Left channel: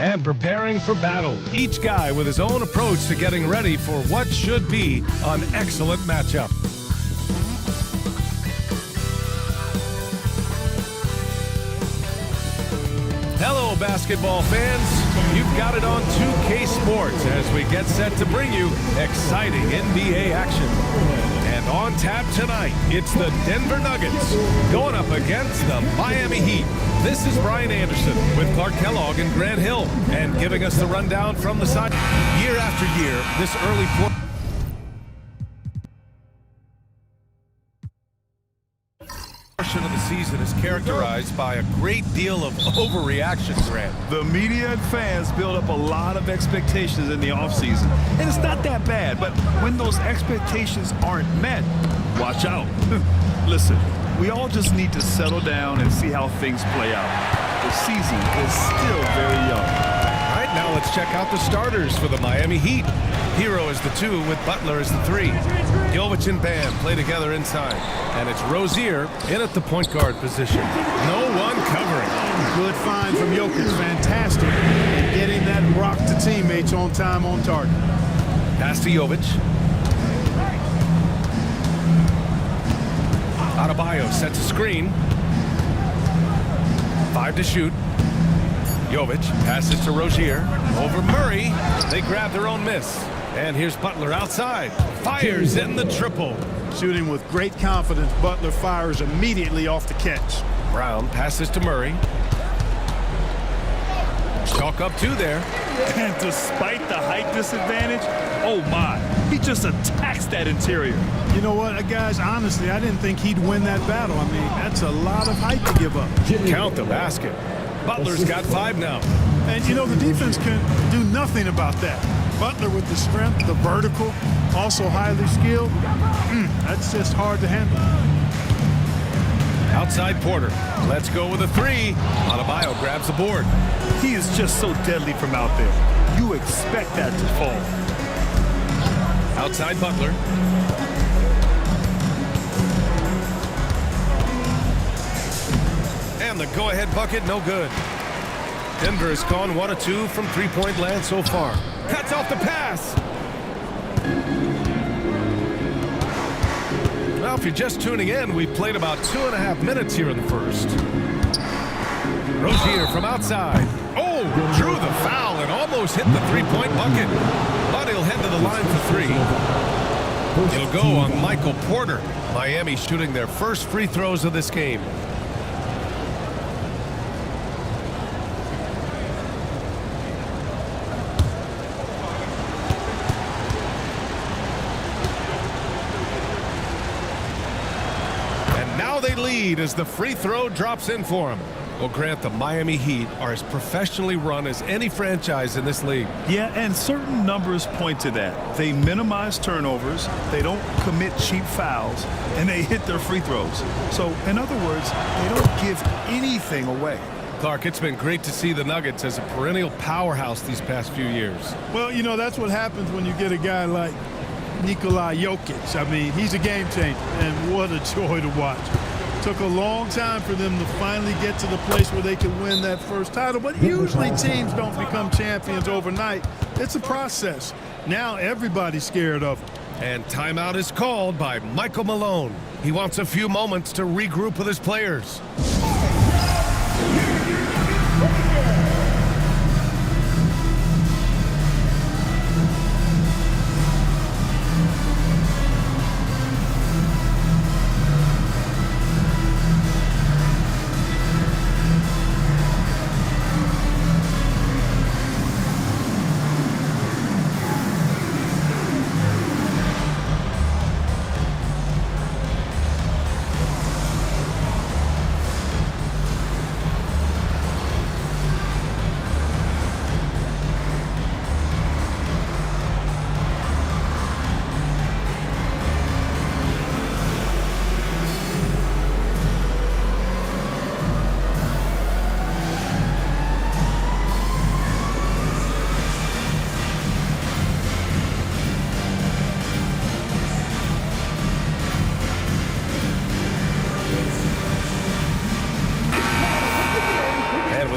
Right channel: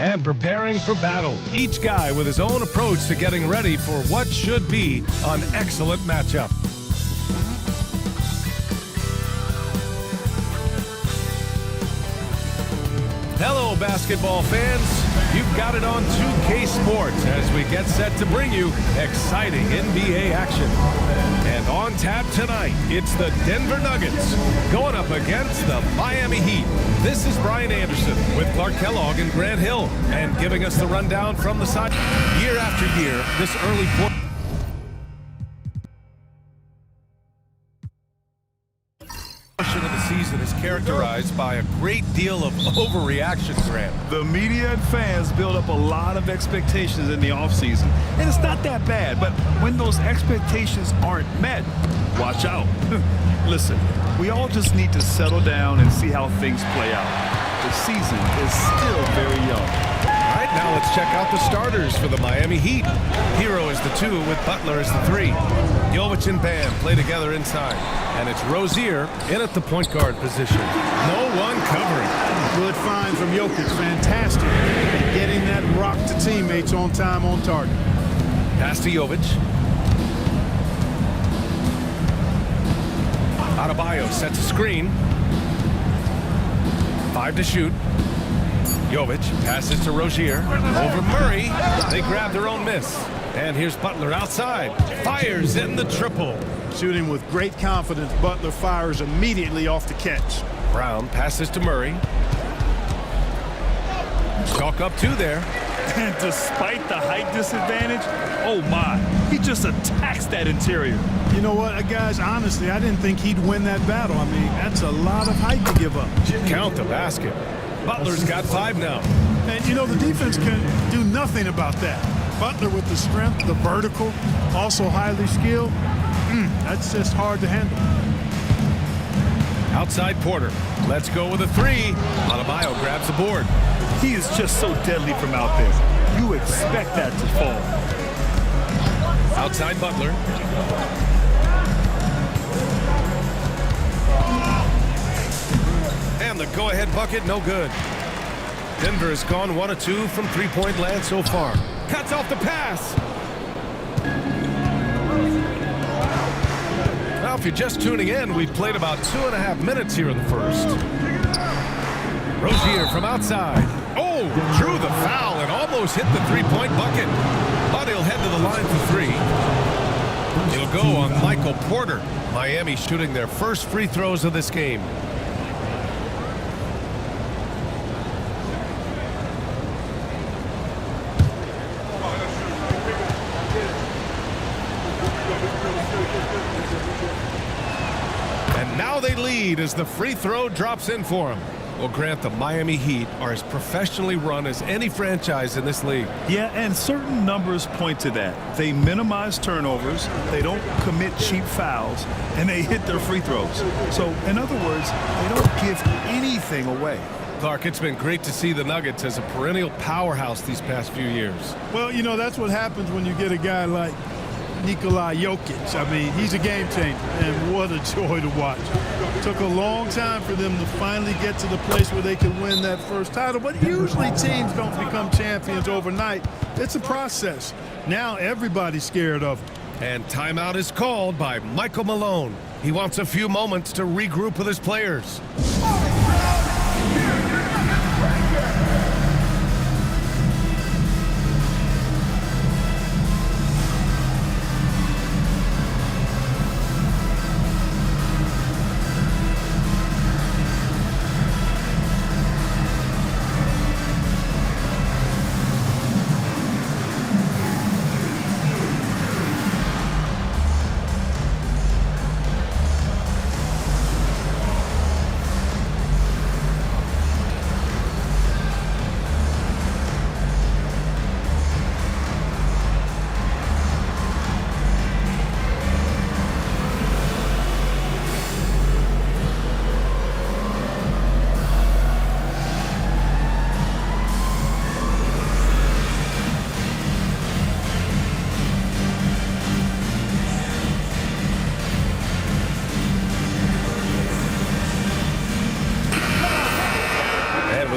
and preparing for battle. Each guy with his own approach to getting ready for what should be an excellent matchup. Hello, basketball fans. You've got it on 2K Sports as we get set to bring you exciting NBA action. And on tap tonight, it's the Denver Nuggets going up against the Miami Heat. This is Brian Anderson with Clark Kellogg and Grant Hill, and giving us the rundown from the side. Year after year, this early portion of the season is characterized by a great deal of overreaction, Grant. The media and fans build up a lot of expectations in the offseason, and it's not that bad, but when those expectations aren't met, watch out. Listen, we all just need to settle down and see how things play out. The season is still very young. All right, now let's check out the starters for the Miami Heat. Hero is the 2 with Butler as the 3. Jovic and Bam play together inside. And it's Rozier in at the point guard position. No one covering. Good find from Jokic. Fantastic at getting that rock to teammates on time, on target. Pass to Jovic. Adebayo sets a screen. 5 to shoot. Jovic passes to Rozier. Over Murray. They grab their own miss. And here's Butler outside. Fires in the triple. Shooting with great confidence, Butler fires immediately off the catch. Brown passes to Murray. Chalk up 2 there. And despite the height disadvantage, oh my, he just attacks that interior. You know what, guys, honestly, I didn't think he'd win that battle. I mean, that's a lot of height to give up. Count the basket. Butler's got 5 now. And, you know, the defense can do nothing about that. Butler with the strength, the vertical, also highly skilled. That's just hard to handle. Outside Porter. Let's go with a 3. Adebayo grabs the board. He is just so deadly from out there. You expect that to fall. Outside Butler. And the go-ahead bucket, no good. Denver has gone 1 of 2 from three-point land so far. Cuts off the pass. Well, if you're just tuning in, we've played about 2.5 minutes here in the first. Rozier from outside. Oh, drew the foul and almost hit the three-point bucket. But he'll head to the line for 3. It'll go on Michael Porter. Miami shooting their first free throws of this game. And now they lead as the free throw drops in for them. Well, Grant, the Miami Heat are as professionally run as any franchise in this league. Yeah, and certain numbers point to that. They minimize turnovers, they don't commit cheap fouls, and they hit their free throws. So, in other words, they don't give anything away. Clark, it's been great to see the Nuggets as a perennial powerhouse these past few years. Well, you know, that's what happens when you get a guy like Nikola Jokic. I mean, he's a game changer, and what a joy to watch. Took a long time for them to finally get to the place where they could win that first title, but usually teams don't become champions overnight. It's a process. Now everybody's scared of them. And timeout is called by Michael Malone. He wants a few moments to regroup with his players.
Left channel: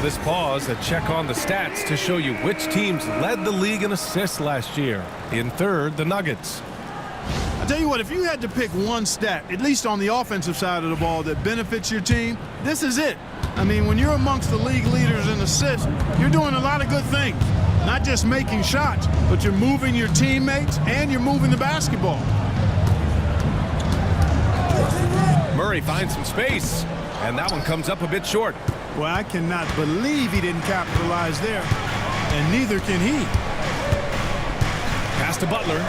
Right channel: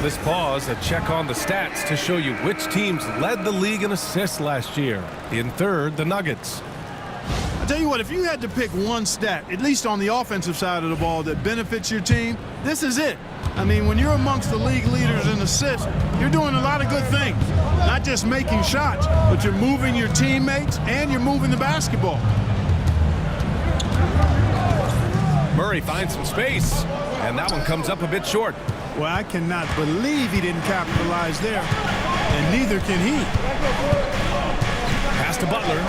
this pause, a check on the stats to show you which teams led the league in assists last year. In third, the Nuggets. I tell you what, if you had to pick one stat, at least on the offensive side of the ball, that benefits your team, this is it. I mean, when you're amongst the league leaders in assists, you're doing a lot of good things. Not just making shots, but you're moving your teammates and you're moving the basketball. Murray finds some space, and that one comes up a bit short. Well, I cannot believe he didn't capitalize there, and neither can he. Pass to Butler.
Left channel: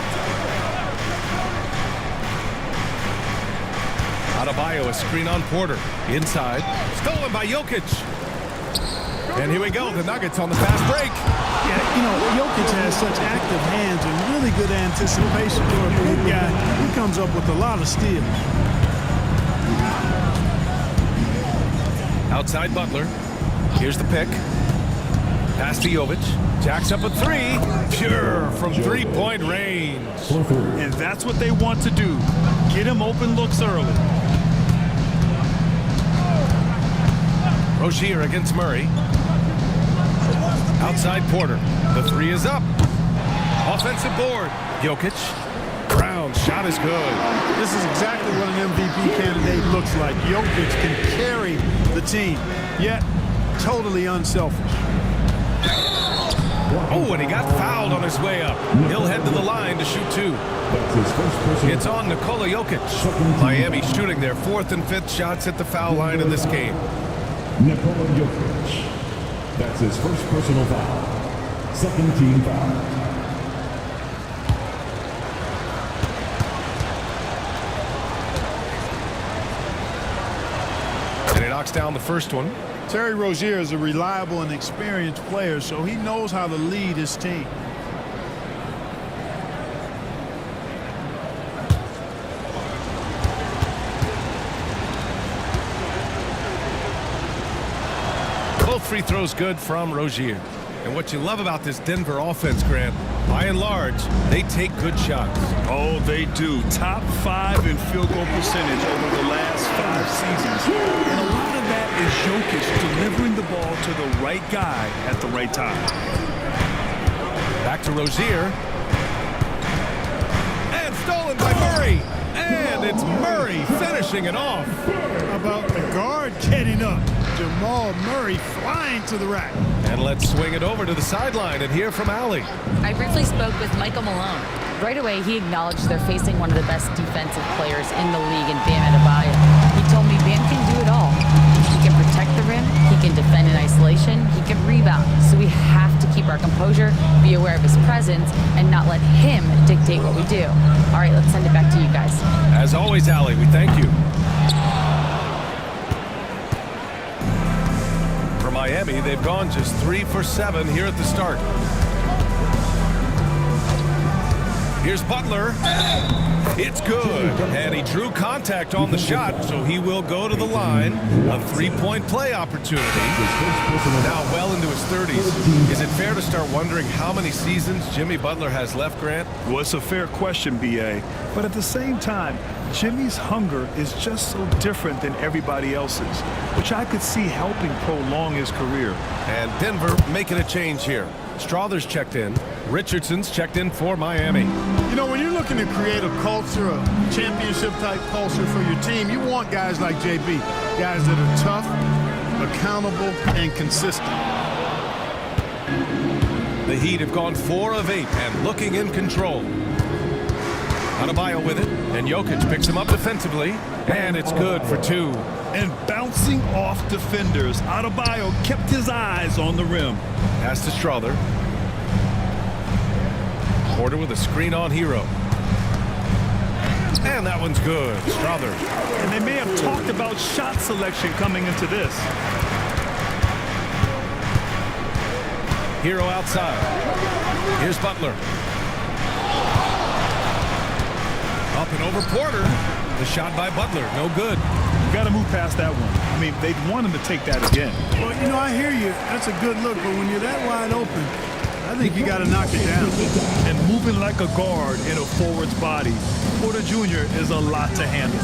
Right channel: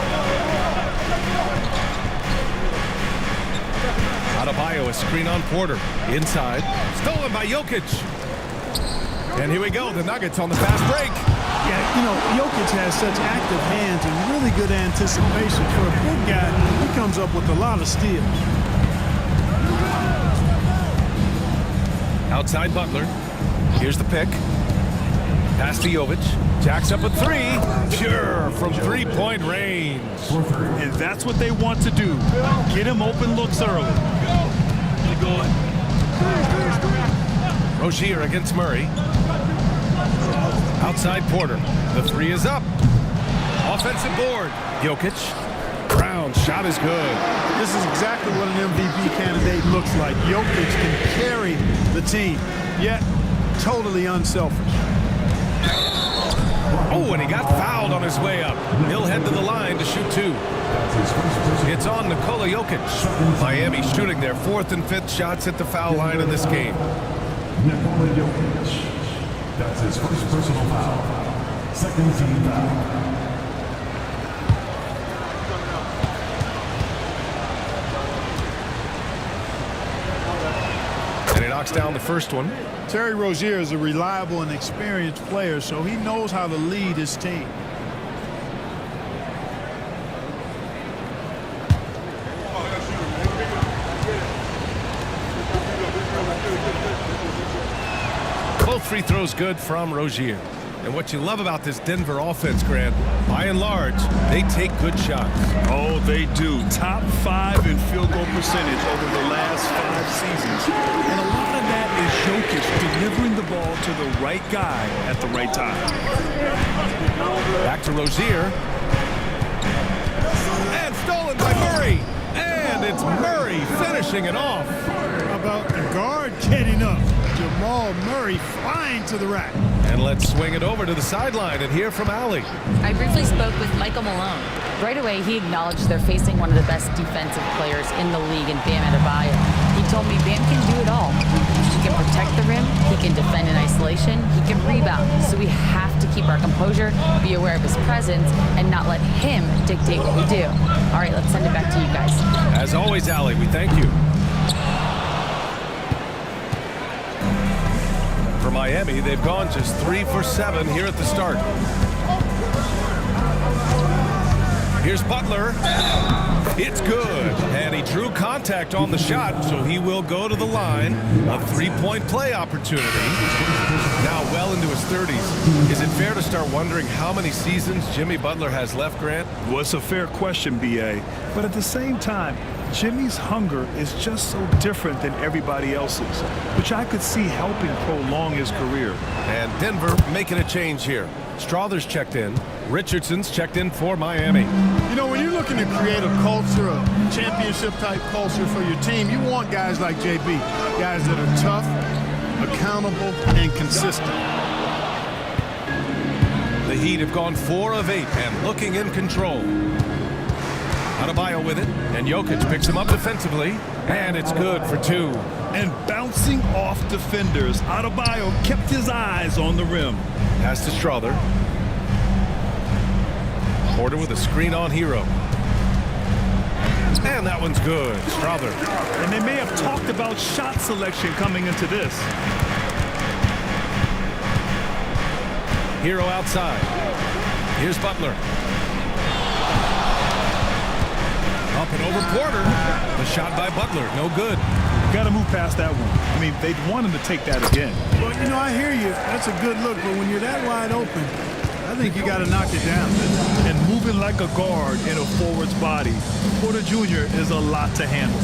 Adebayo, a screen on Porter. Inside. Stolen by Jokic. And here we go, the Nuggets on the fast break. Yeah, you know, Jokic has such active hands and really good anticipation. For a big guy, he comes up with a lot of steals. Outside Butler. Here's the pick. Pass to Jovic. Jacks up a three. Pure from three-point range. And that's what they want to do. Get him open looks early. Rozier against Murray. Outside Porter. The three is up. Offensive board. Jokic. Brown's shot is good. This is exactly what an MVP candidate looks like. Jokic can carry the team, yet totally unselfish. Oh, and he got fouled on his way up. He'll head to the line to shoot two. It's on Nikola Jokic. Miami shooting their fourth and fifth shots at the foul line in this game. Nikola Jokic. That's his first personal foul. Second team foul. And he knocks down the first one. Terry Rozier is a reliable and experienced player, so he knows how to lead his team. Both free throws good from Rozier. And what you love about this Denver offense, Grant, by and large, they take good shots. Oh, they do. Top 5 in field goal percentage over the last 5 seasons. And a lot of that is Jokic delivering the ball to the right guy at the right time. Back to Rozier. And stolen by Murray. And it's Murray finishing it off. How about the guard getting up? Jamal Murray flying to the rack. And let's swing it over to the sideline and hear from Allie. I briefly spoke with Michael Malone. Right away, he acknowledged they're facing one of the best defensive players in the league in Bam Adebayo. He told me Bam can do it all. He can protect the rim, he can defend in isolation, he can rebound. So we have to keep our composure, be aware of his presence, and not let him dictate what we do. All right, let's send it back to you guys. As always, Allie, we thank you. For Miami, they've gone just 3 for 7 here at the start. Here's Butler. It's good. And he drew contact on the shot, so he will go to the line. A three-point play opportunity. Now well into his 30s. Is it fair to start wondering how many seasons Jimmy Butler has left, Grant? Well, it's a fair question, B.A. But at the same time, Jimmy's hunger is just so different than everybody else's, which I could see helping prolong his career. And Denver making a change here. Strother's checked in. Richardson's checked in for Miami. You know, when you're looking to create a culture, a championship-type culture for your team, you want guys like JB, guys that are tough, accountable, and consistent. The Heat have gone 4 of 8 and looking in control. Adebayo with it, and Jokic picks him up defensively, and it's good for 2. And bouncing off defenders, Adebayo kept his eyes on the rim. Pass to Strother. Porter with a screen on Hero. And that one's good. Strother. And they may have talked about shot selection coming into this. Hero outside. Here's Butler. Up and over Porter. The shot by Butler, no good. You got to move past that one. I mean, they'd want him to take that again. Well, you know, I hear you. That's a good look, but when you're that wide open, I think you got to knock it down. And moving like a guard in a forward's body, Porter Jr. is a lot to handle.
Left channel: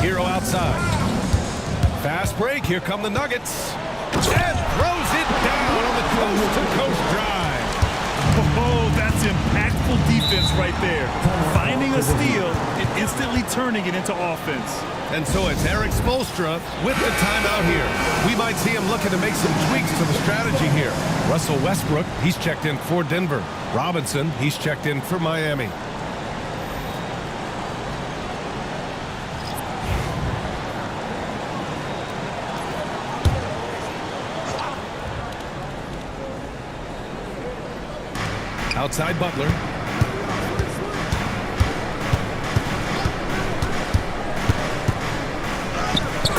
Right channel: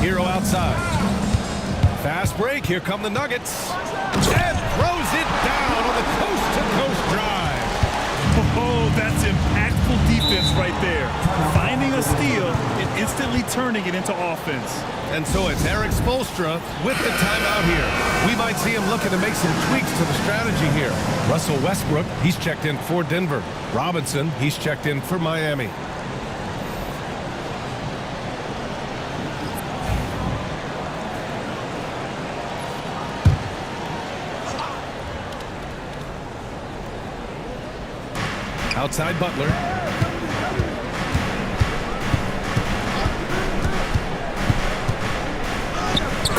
Hero outside. Fast break. Here come the Nuggets. and throws it down on the coast-to-coast drive. Oh, that's impactful defense right there. Finding a steal and instantly turning it into offense. And so it's Eric Spoelstra with the timeout here. We might see him looking to make some tweaks to the strategy here. Russell Westbrook, he's checked in for Denver. Robinson, he's checked in for Miami. Outside Butler.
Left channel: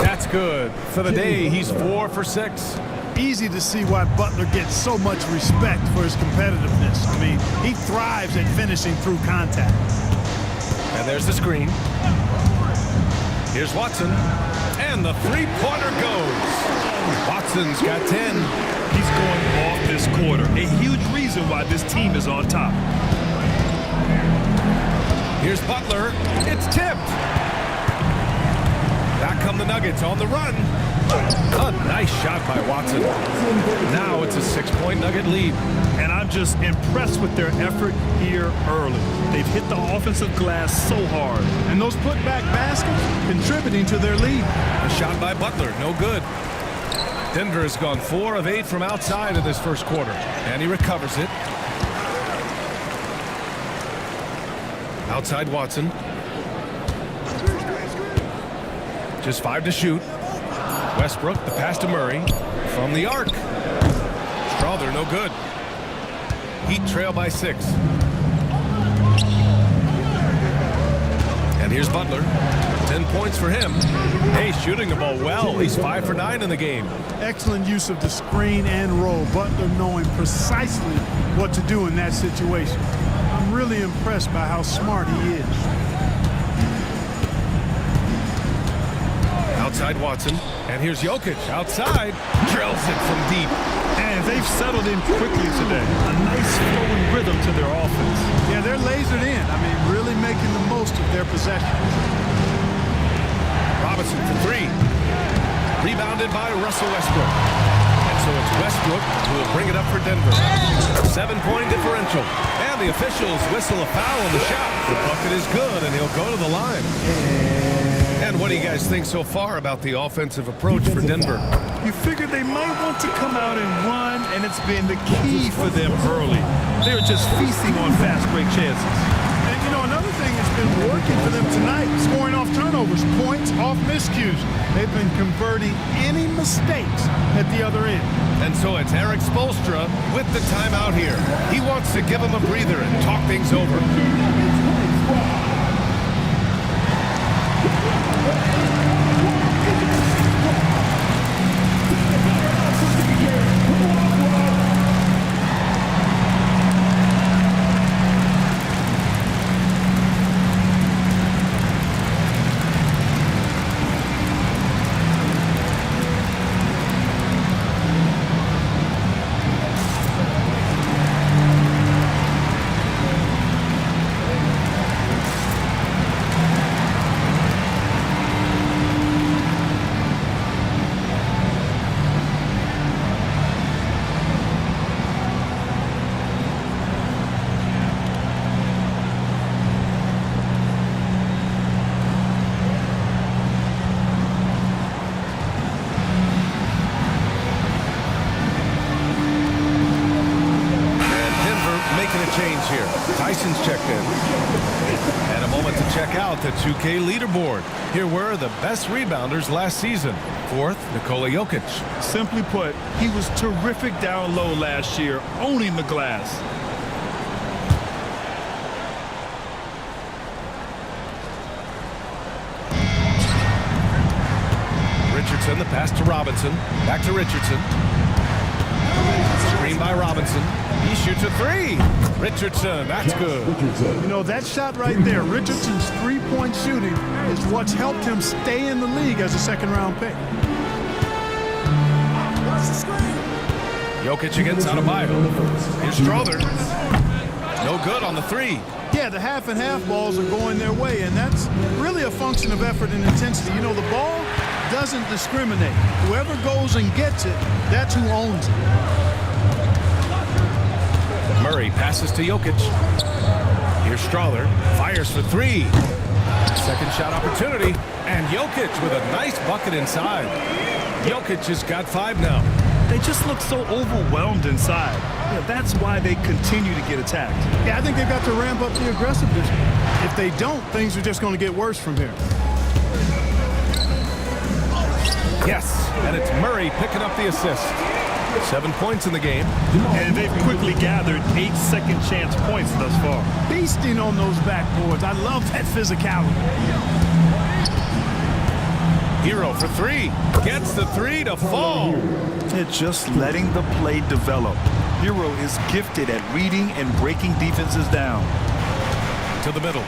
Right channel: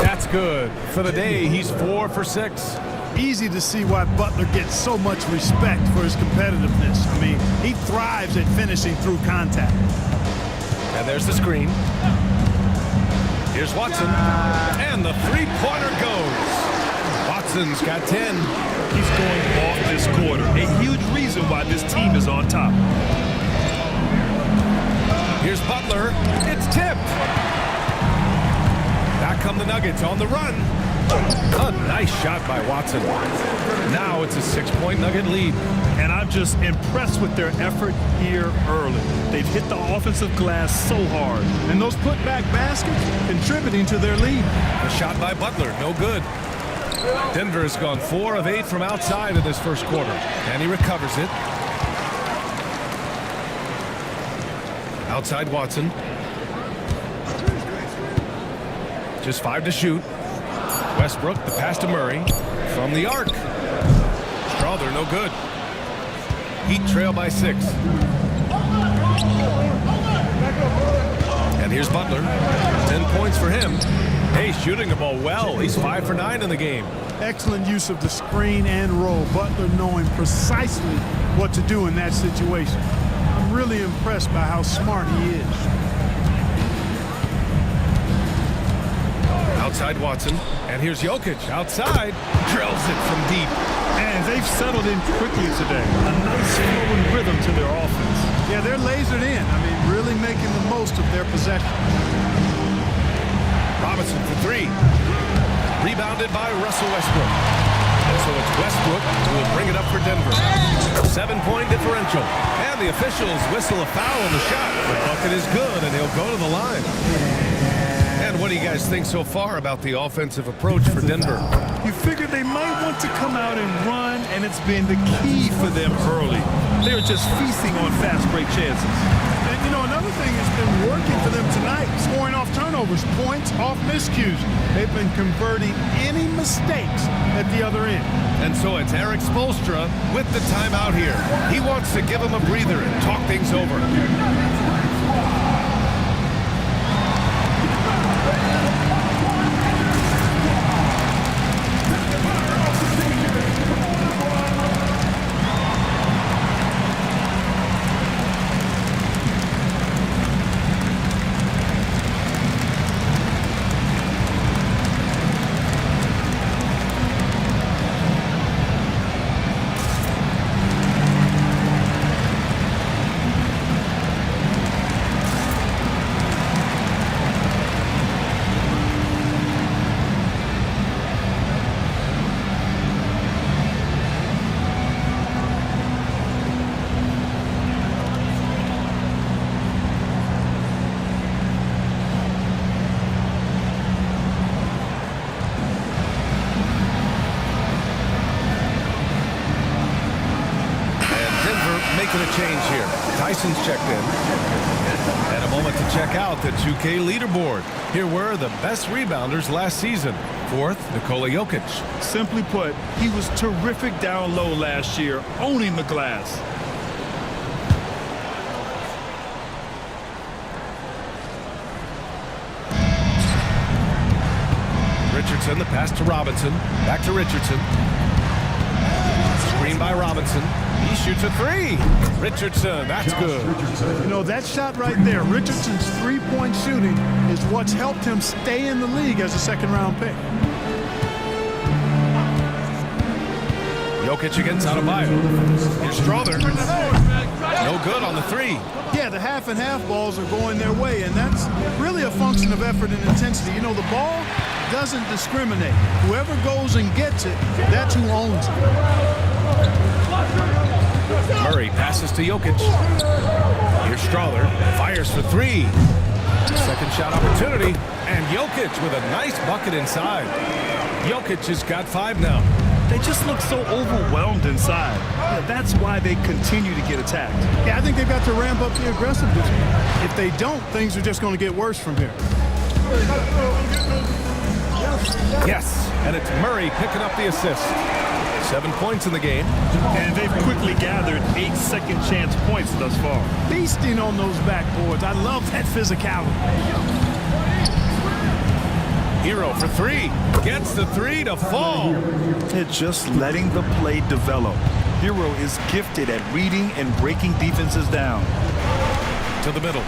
That's good. For the day, he's 4 for 6. Easy to see why Butler gets so much respect for his competitiveness. I mean, he thrives at finishing through contact. And there's the screen. Here's Watson. And the three-pointer goes. Watson's got 10. He's going off this quarter. A huge reason why this team is on top. Here's Butler. It's tipped. Back come the Nuggets on the run. A nice shot by Watson. Now it's a 6-point Nugget lead. And I'm just impressed with their effort here early. They've hit the offensive glass so hard. And those putback baskets contributing to their lead. The shot by Butler, no good. Denver has gone 4 of 8 from outside in this first quarter. And he recovers it. Outside Watson. Just 5 to shoot. Westbrook, the pass to Murray. From the arc. Strother, no good. Heat trail by 6. And here's Butler. 10 points for him. Hey, shooting the ball well. He's 5 for 9 in the game. Excellent use of the screen and roll. Butler knowing precisely what to do in that situation. I'm really impressed by how smart he is. Outside Watson. And here's Jokic outside. Drills it from deep. And they've settled in quickly today. A nice flowing rhythm to their offense. Yeah, they're lasered in. I mean, really making the most of their possession. Robinson for 3. Rebounded by Russell Westbrook. And so it's Westbrook who will bring it up for Denver. 7-point differential. And the officials whistle a foul on the shot. The bucket is good, and he'll go to the line. And what do you guys think so far about the offensive approach for Denver? You figured they might want to come out and run, and it's been the key for them early. They're just feasting on fast break chances. And, you know, another thing that's been working for them tonight, scoring off turnovers, points off miscues. They've been converting any mistakes at the other end. And so it's Eric Spoelstra with the timeout here. He wants to give him a breather and talk things over. Making a change here. Tyson's checked in. And a moment to check out the 2K leaderboard. Here were the best rebounders last season. 4th, Nikola Jokic. Simply put, he was terrific down low last year, owning the glass. Richardson, the pass to Robinson. Back to Richardson. Screen by Robinson. He shoots a 3. Richardson, that's good. You know, that shot right there, Richardson's three-point shooting is what's helped him stay in the league as a second-round pick. Jokic against Adebayo. Here's Strother. No good on the 3. Yeah, the half and half balls are going their way, and that's really a function of effort and intensity. You know, the ball doesn't discriminate. Whoever goes and gets it, that's who owns it. Murray passes to Jokic. Here's Strawler, fires for three. Second shot opportunity, and Jokic with a nice bucket inside. Jokic has got 5 now. They just look so overwhelmed inside. Yeah, that's why they continue to get attacked. Yeah, I think they've got to ramp up the aggressiveness. If they don't, things are just going to get worse from here. Yes, and it's Murray picking up the assist. 7 points in the game. And they've quickly gathered 8 second chance points thus far. Feasting on those backboards. I love that physicality. Hero for 3. Gets the 3 to fall. They're just letting the play develop. Hero is gifted at reading and breaking defenses down. To the middle.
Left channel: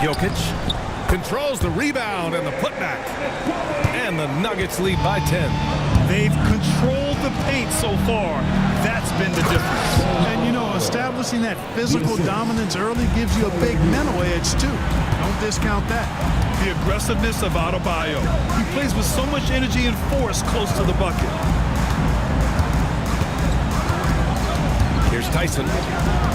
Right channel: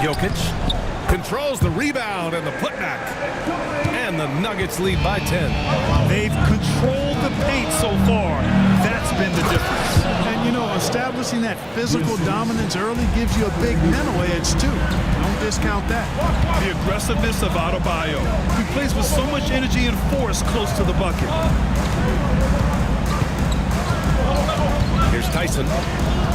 Jokic controls the rebound and the putback. And the Nuggets lead by 10. They've controlled the paint so far. That's been the difference. And, you know, establishing that physical dominance early gives you a big mental edge, too. Don't discount that. The aggressiveness of Adebayo. He plays with so much energy and force close to the bucket. Here's Tyson.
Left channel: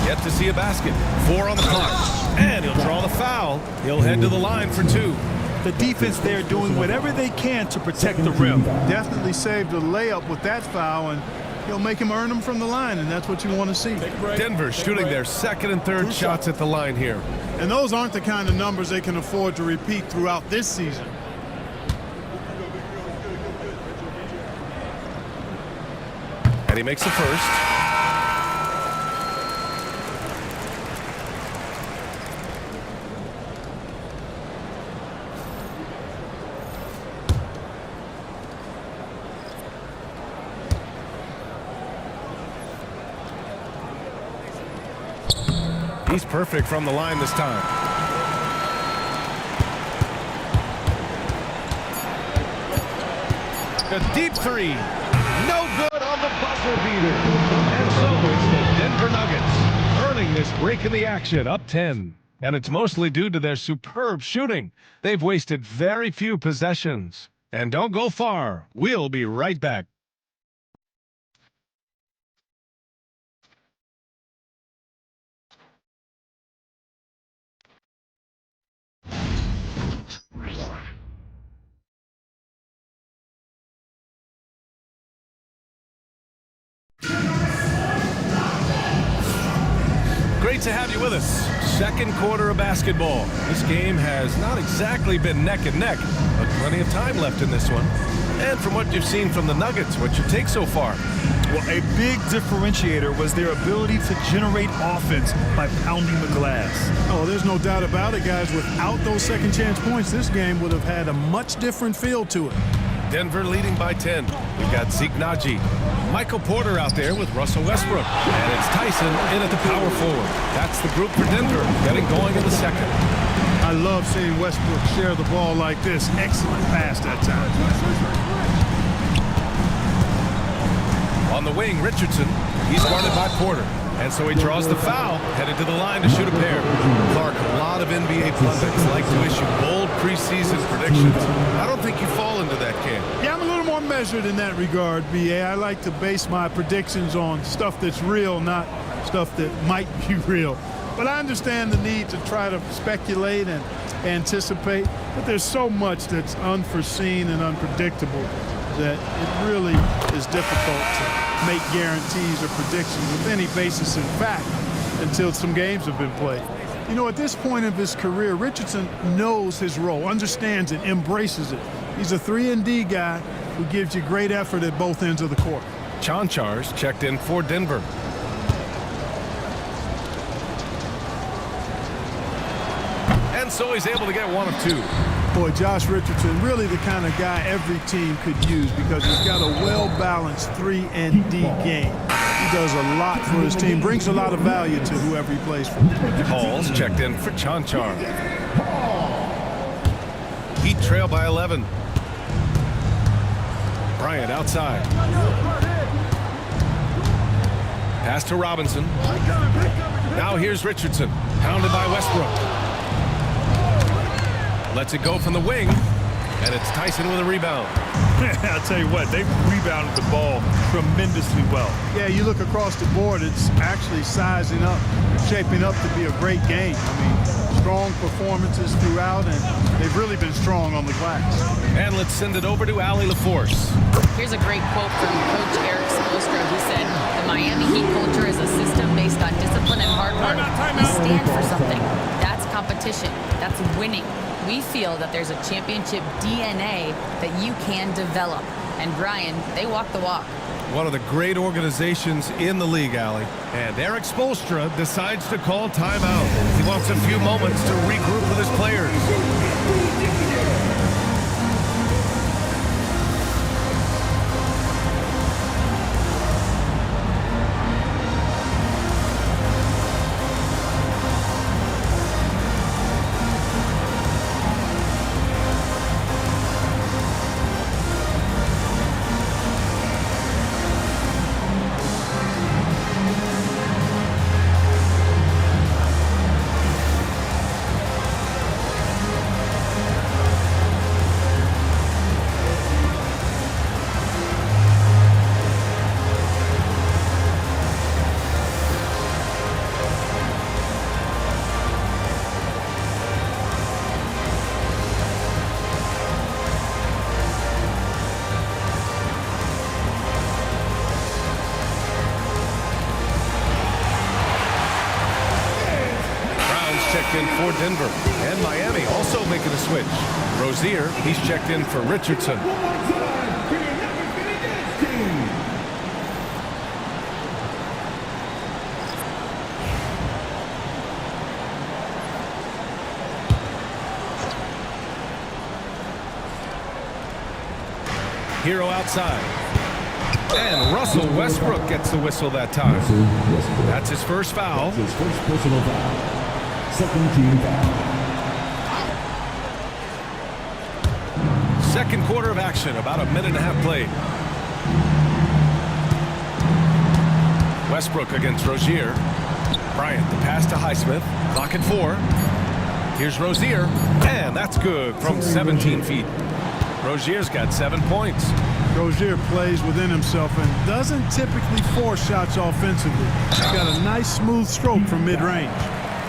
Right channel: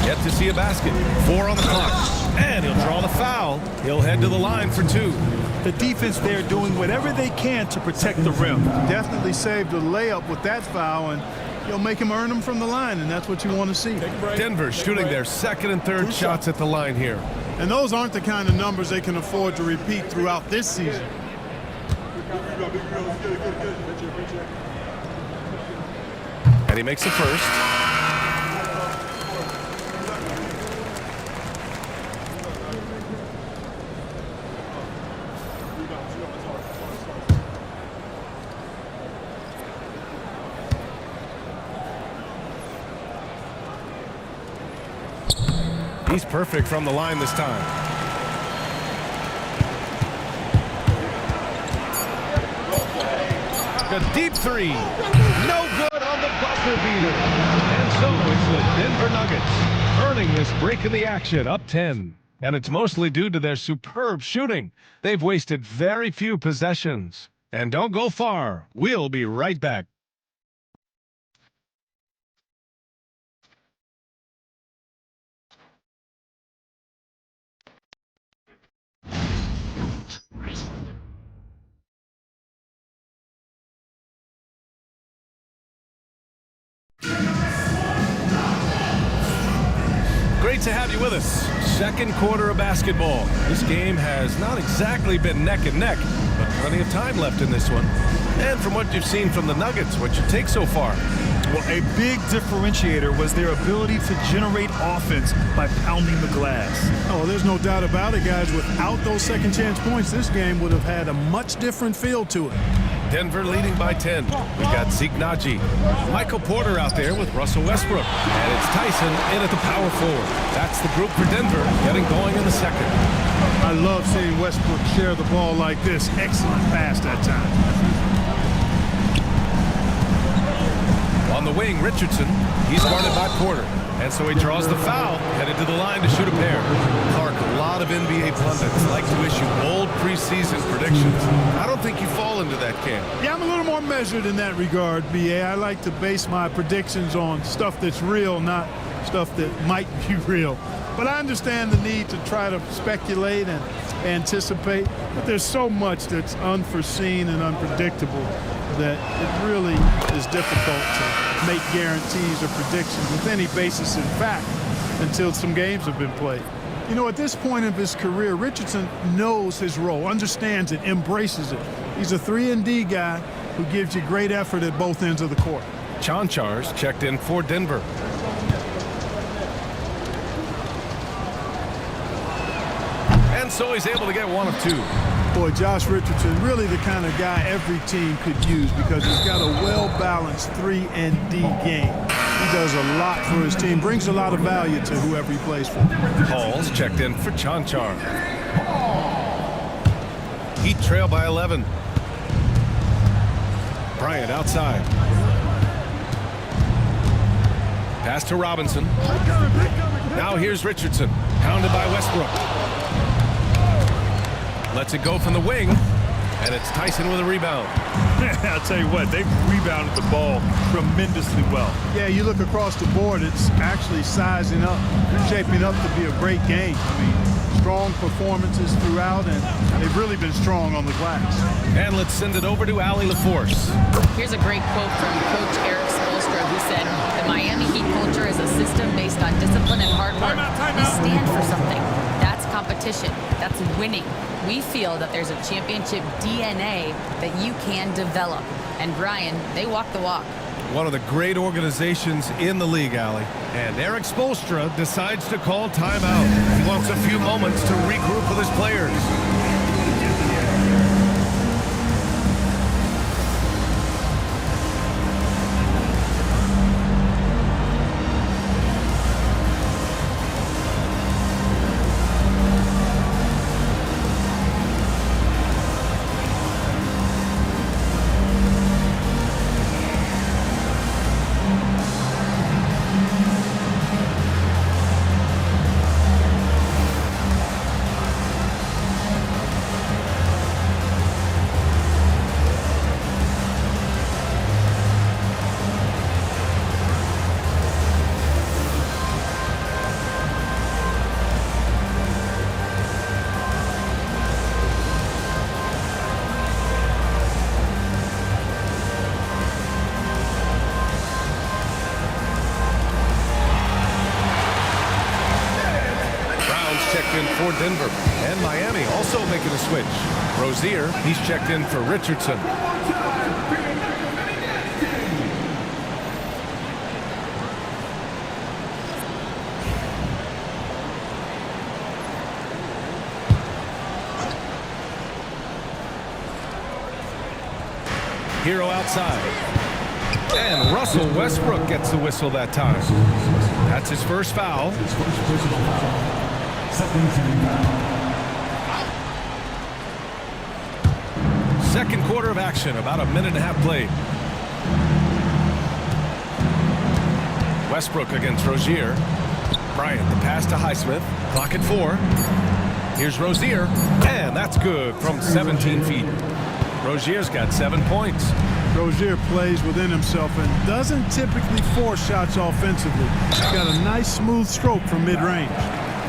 Yet to see a basket. 4 on the clock. And he'll draw the foul. He'll head to the line for 2. The defense there doing whatever they can to protect the rim. Definitely saved a layup with that foul, and he'll make him earn them from the line, and that's what you want to see. Denver shooting their second and third shots at the line here. And those aren't the kind of numbers they can afford to repeat throughout this season. And he makes the first. He's perfect from the line this time. A deep 3. No good on the buzzer beater. And so it's the Denver Nuggets earning this break in the action, up 10. And it's mostly due to their superb shooting. They've wasted very few possessions. And don't go far. We'll be right back. Great to have you with us. Second quarter of basketball. This game has not exactly been neck and neck, but plenty of time left in this one. And from what you've seen from the Nuggets, what's your take so far? Well, a big differentiator was their ability to generate offense by pounding the glass. Oh, there's no doubt about it, guys. Without those second chance points, this game would have had a much different feel to it. Denver leading by 10. We've got Zeke Naji, Michael Porter out there with Russell Westbrook, and it's Tyson in at the power forward. That's the group for Denver getting going in the second. I love seeing Westbrook share the ball like this. Excellent pass that time. On the wing, Richardson. He's guarded by Porter. And so he draws the foul, headed to the line to shoot a pair. Clark, a lot of NBA pundits like to issue bold preseason predictions. I don't think you fall into that camp. Yeah, I'm a little more measured in that regard, B.A. I like to base my predictions on stuff that's real, not stuff that might be real. But I understand the need to try to speculate and anticipate. But there's so much that's unforeseen and unpredictable that it really is difficult to make guarantees or predictions with any basis in fact until some games have been played. You know, at this point of his career, Richardson knows his role, understands it, embraces it. He's a 3-and-D guy who gives you great effort at both ends of the court. Chanchar's checked in for Denver. And so he's able to get one of 2. Boy, Josh Richardson, really the kind of guy every team could use because he's got a well-balanced 3-and-D game. He does a lot for his team, brings a lot of value to whoever he plays for. Hall's checked in for Chanchar. Heat trail by 11. Bryant outside. Pass to Robinson. Now here's Richardson, pounded by Westbrook. Lets it go from the wing, and it's Tyson with a rebound. I'll tell you what, they've rebounded the ball tremendously well. Yeah, you look across the board, it's actually sizing up, shaping up to be a great game. I mean, strong performances throughout, and they've really been strong on the glass. And let's send it over to Allie LaForce. Here's a great quote from Coach Eric Spoelstra, who said, "The Miami Heat culture is a system based on discipline and hard work. We stand for something. That's competition. That's winning. We feel that there's a championship DNA that you can develop." And Brian, they walk the walk. One of the great organizations in the league, Allie. And Eric Spoelstra decides to call timeout. He wants a few moments to regroup with his players. Checked in for Denver. And Miami also making a switch. Rozier, he's checked in for Richardson. Hero outside. And Russell Westbrook gets the whistle that time. That's his first foul. His first personal foul. Second team foul. Second quarter of action, about a minute and a half played. Westbrook against Rozier. Bryant, the pass to Highsmith. Clock at 4. Here's Rozier, and that's good from 17 feet. Rozier's got 7 points. Rozier plays within himself and doesn't typically force shots offensively. He's got a nice smooth stroke from mid-range.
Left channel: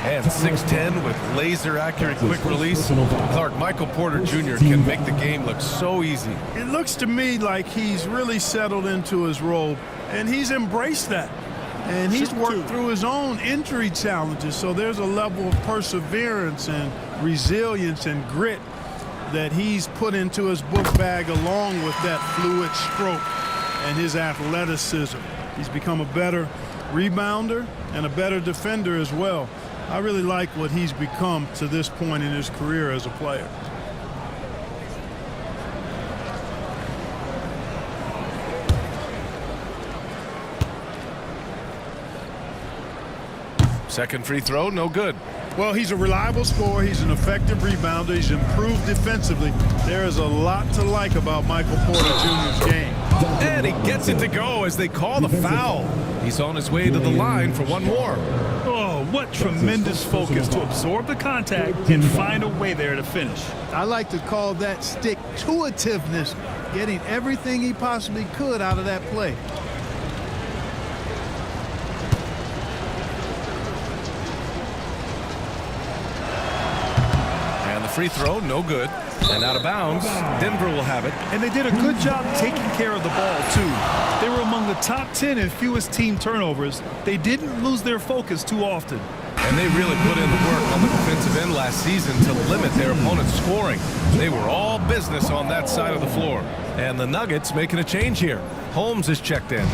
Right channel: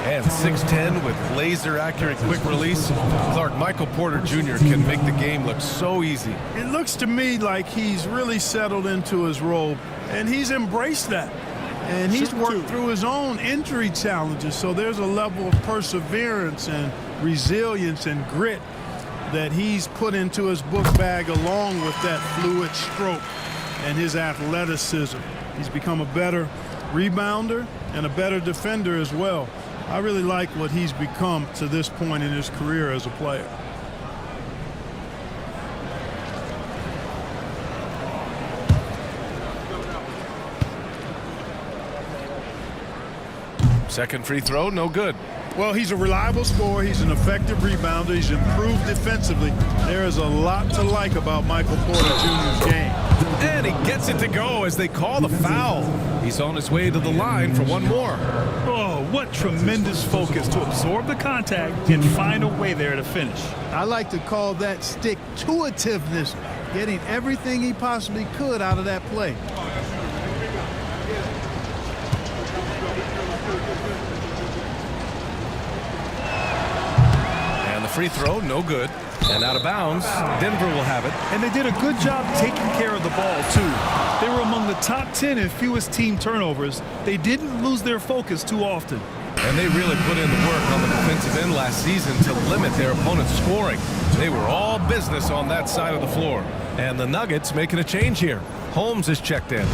And 6'10" with laser-accurate quick release. Clark, Michael Porter Jr. can make the game look so easy. It looks to me like he's really settled into his role, and he's embraced that. And he's worked through his own injury challenges, so there's a level of perseverance and resilience and grit that he's put into his book bag along with that fluid stroke and his athleticism. He's become a better rebounder and a better defender as well. I really like what he's become to this point in his career as a player. Second free throw, no good. Well, he's a reliable scorer. He's an effective rebounder. He's improved defensively. There is a lot to like about Michael Porter Jr.'s game. And he gets it to go as they call the foul. He's on his way to the line for one more. Oh, what tremendous focus to absorb the contact and find a way there to finish. I like to call that stick-to-itiveness, getting everything he possibly could out of that play. And the free throw, no good. And out of bounds, Denver will have it. And they did a good job taking care of the ball, too. They were among the top 10 in fewest team turnovers. They didn't lose their focus too often. And they really put in the work on the defensive end last season to limit their opponent's scoring. They were all business on that side of the floor. And the Nuggets making a change here. Holmes is checked in.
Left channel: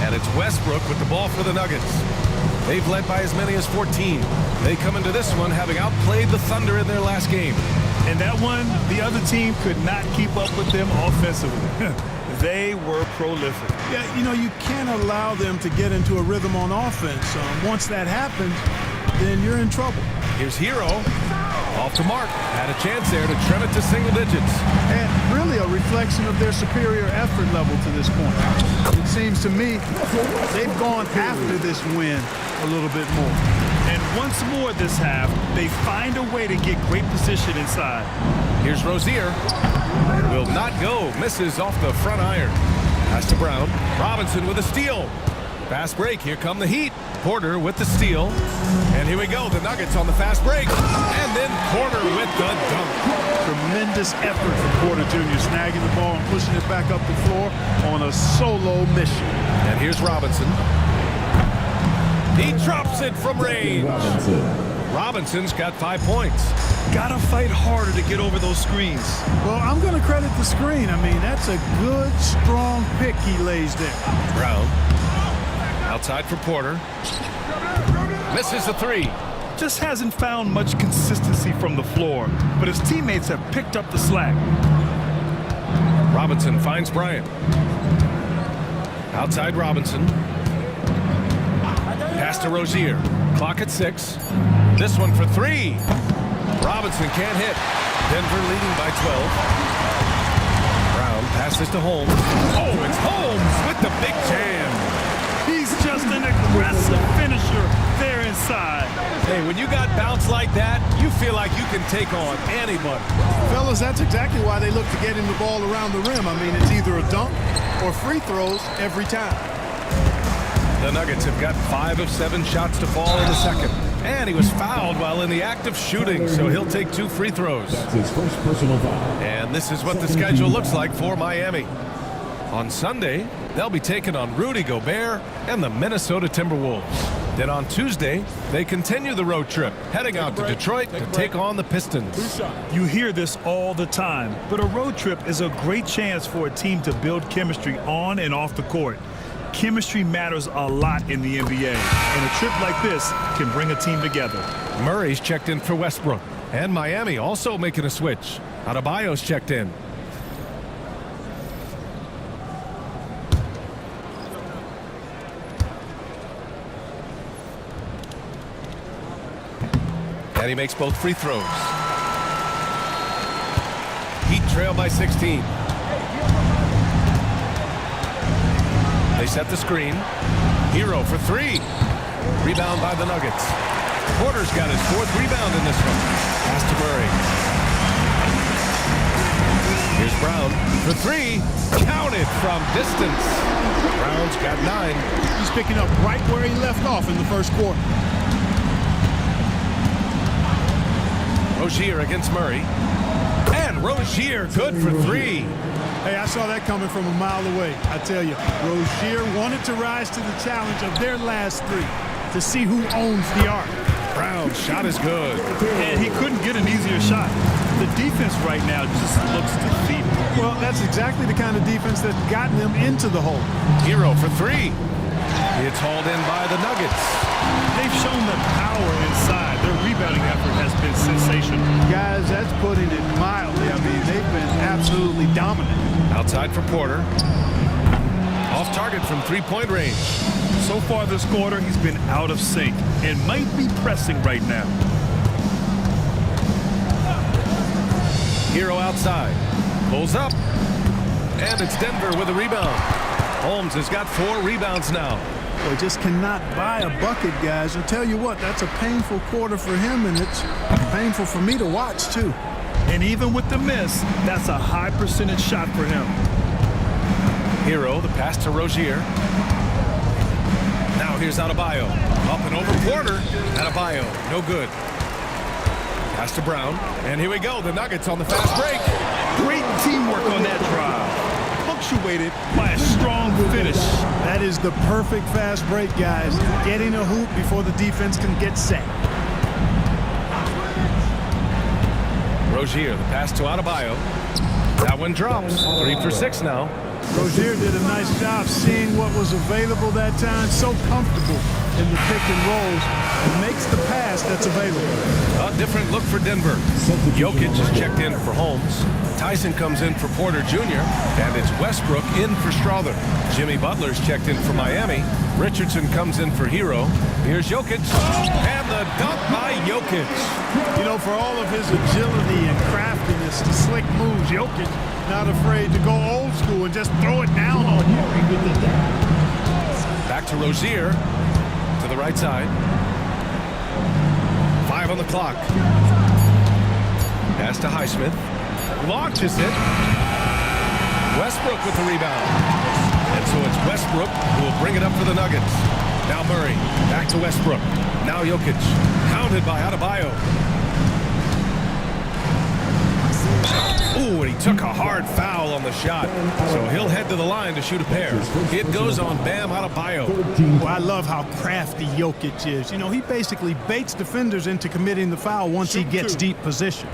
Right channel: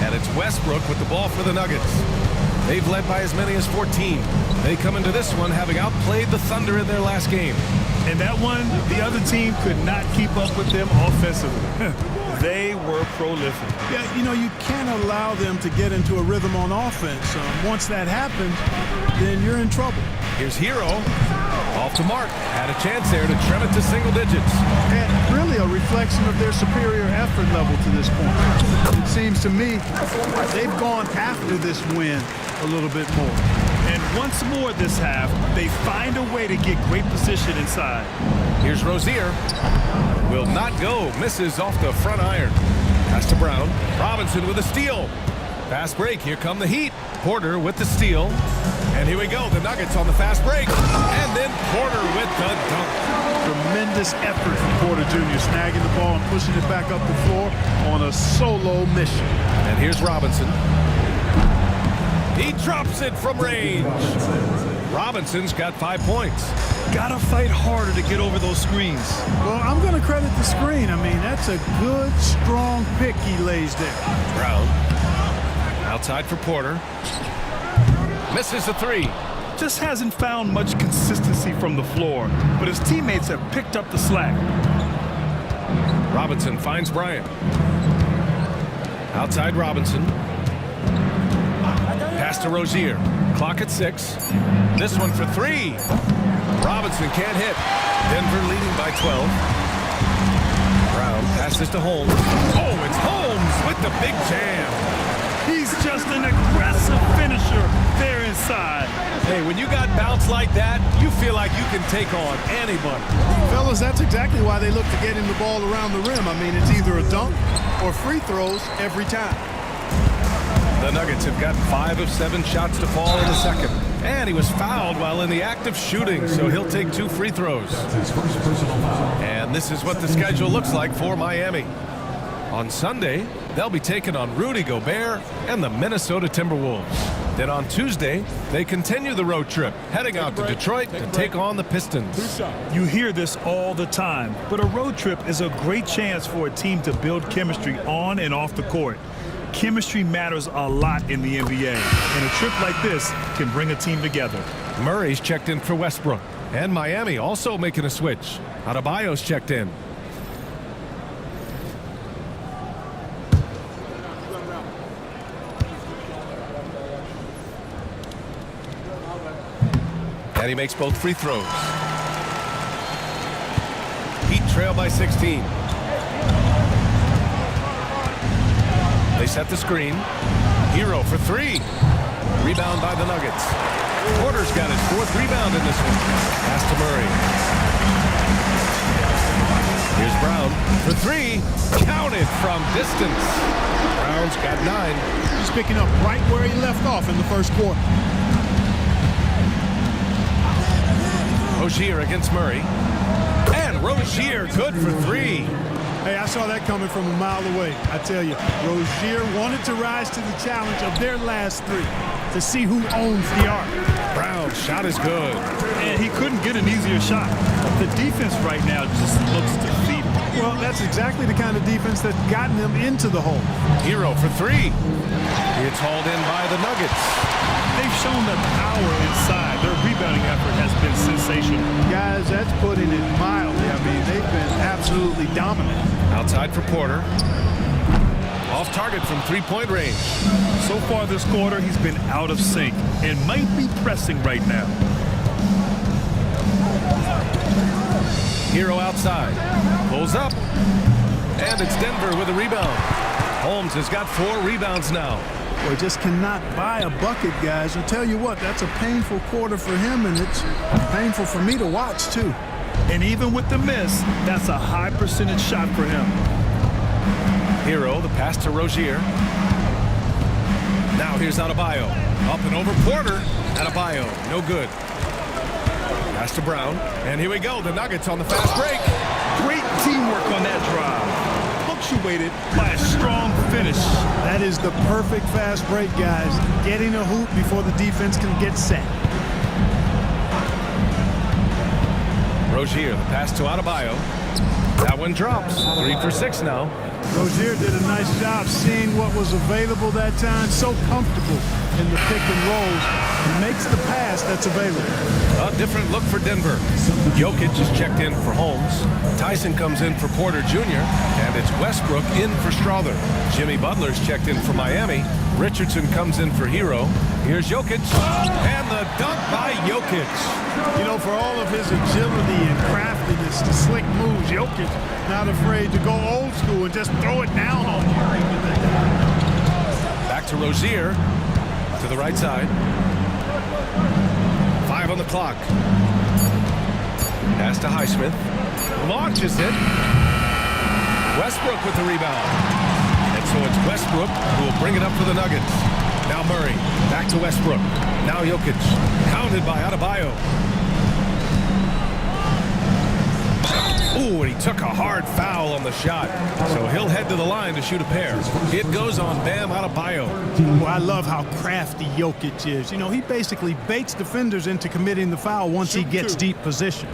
And it's Westbrook with the ball for the Nuggets. They've led by as many as 14. They come into this one having outplayed the Thunder in their last game. And that one, the other team could not keep up with them offensively. They were prolific. Yeah, you know, you can't allow them to get into a rhythm on offense. Once that happens, then you're in trouble. Here's Hero. Off to Mark. Had a chance there to trim it to single digits. And really a reflection of their superior effort level to this point. It seems to me they've gone after this win a little bit more. And once more this half, they find a way to get great position inside. Here's Rozier. Will not go. Misses off the front iron. Pass to Brown. Robinson with a steal. Fast break. Here come the Heat. Porter with the steal. And here we go. The Nuggets on the fast break. And then Porter with the dunk. Tremendous effort from Porter Jr. snagging the ball and pushing it back up the floor on a solo mission. And here's Robinson. He drops it from range. Robinson's got 5 points. Gotta fight harder to get over those screens. Well, I'm going to credit the screen. I mean, that's a good, strong pick he lays there. Brown. Outside for Porter. Misses the three. Just hasn't found much consistency from the floor, but his teammates have picked up the slack. Robinson finds Bryant. Outside Robinson. Pass to Rozier. Clock at 6. This one for 3. Robinson can't hit. Denver leading by 12. Brown passes to Holmes. Oh, it's Holmes with the big jam. He's just an aggressive finisher there inside. Hey, when you got bounce like that, you feel like you can take on anybody. Fellas, that's exactly why they look to get him the ball around the rim. I mean, it's either a dunk or free throws every time. The Nuggets have got 5 of 7 shots to fall in the second. And he was fouled while in the act of shooting, so he'll take 2 free throws. That's his first personal foul. And this is what the schedule looks like for Miami. On Sunday, they'll be taking on Rudy Gobert and the Minnesota Timberwolves. Then on Tuesday, they continue the road trip, heading out to Detroit to take on the Pistons. You hear this all the time, but a road trip is a great chance for a team to build chemistry on and off the court. Chemistry matters a lot in the NBA, and a trip like this can bring a team together. Murray's checked in for Westbrook, and Miami also making a switch. Adebayo's checked in. And he makes both free throws. Heat trail by 16. They set the screen. Hero for 3. Rebound by the Nuggets. Porter's got his 4th rebound in this one. Pass to Murray. Here's Brown for 3. Counted from distance. Brown's got 9. He's picking up right where he left off in the first quarter. Rozier against Murray. And Rozier good for 3. Hey, I saw that coming from a mile away. I tell you, Rozier wanted to rise to the challenge of their last 3 to see who owns the arc. Brown's shot is good. And he couldn't get an easier shot. The defense right now just looks defeated. Well, that's exactly the kind of defense that's gotten them into the hole. Hero for 3. It's hauled in by the Nuggets. They've shown the power inside. Their rebounding effort has been sensational. Guys, that's putting it mildly. I mean, they've been absolutely dominant. Outside for Porter. Off target from 3-point range. So far this quarter, he's been out of sync and might be pressing right now. Hero outside. Pulls up. And it's Denver with a rebound. Holmes has got 4 rebounds now. Boy, just cannot buy a bucket, guys. I'll tell you what, that's a painful quarter for him, and it's painful for me to watch, too. And even with the miss, that's a high percentage shot for him. Hero, the pass to Rozier. Now here's Adebayo. Up and over Porter. Adebayo, no good. Pass to Brown. And here we go, the Nuggets on the fast break. Great teamwork on that drive. Punctuated by a strong finish. That is the perfect fast break, guys. Getting a hoop before the defense can get set. Rozier, the pass to Adebayo. That one drops. 3 for 6 now. Rozier did a nice job seeing what was available that time. So comfortable in the pick and rolls and makes the pass that's available. A different look for Denver. Jokic is checked in for Holmes. Tyson comes in for Porter Jr. And it's Westbrook in for Strother. Jimmy Butler's checked in for Miami. Richardson comes in for Hero. Here's Jokic. And the dunk by Jokic. You know, for all of his agility and craftiness, the slick moves, Jokic not afraid to go old school and just throw it down on you. Back to Rozier. To the right side. 5 on the clock. Pass to Highsmith. Launches it. Westbrook with the rebound. And so it's Westbrook who will bring it up for the Nuggets. Now Murray. Back to Westbrook. Now Jokic. Pounded by Adebayo. Ooh, and he took a hard foul on the shot. So he'll head to the line to shoot a pair. It goes on Bam Adebayo. Well, I love how crafty Jokic is. You know, he basically baits defenders into committing the foul once he gets deep position.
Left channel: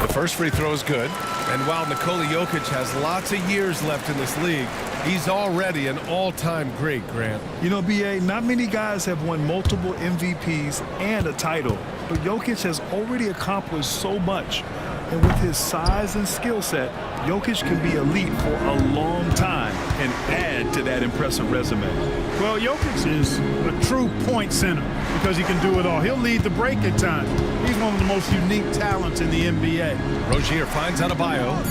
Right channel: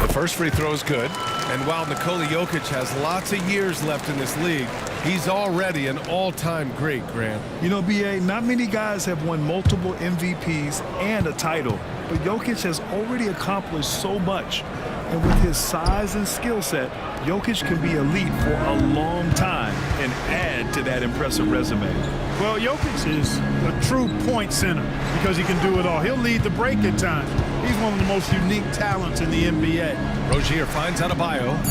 The first free throw is good. And while Nikola Jokic has lots of years left in this league, he's already an all-time great, Grant. You know, BA, not many guys have won multiple MVPs and a title, but Jokic has already accomplished so much. And with his size and skill set, Jokic can be elite for a long time and add to that impressive resume. Well, Jokic is a true point center because he can do it all. He'll lead the break at times. He's one of the most unique talents in the NBA. Rozier finds Adebayo,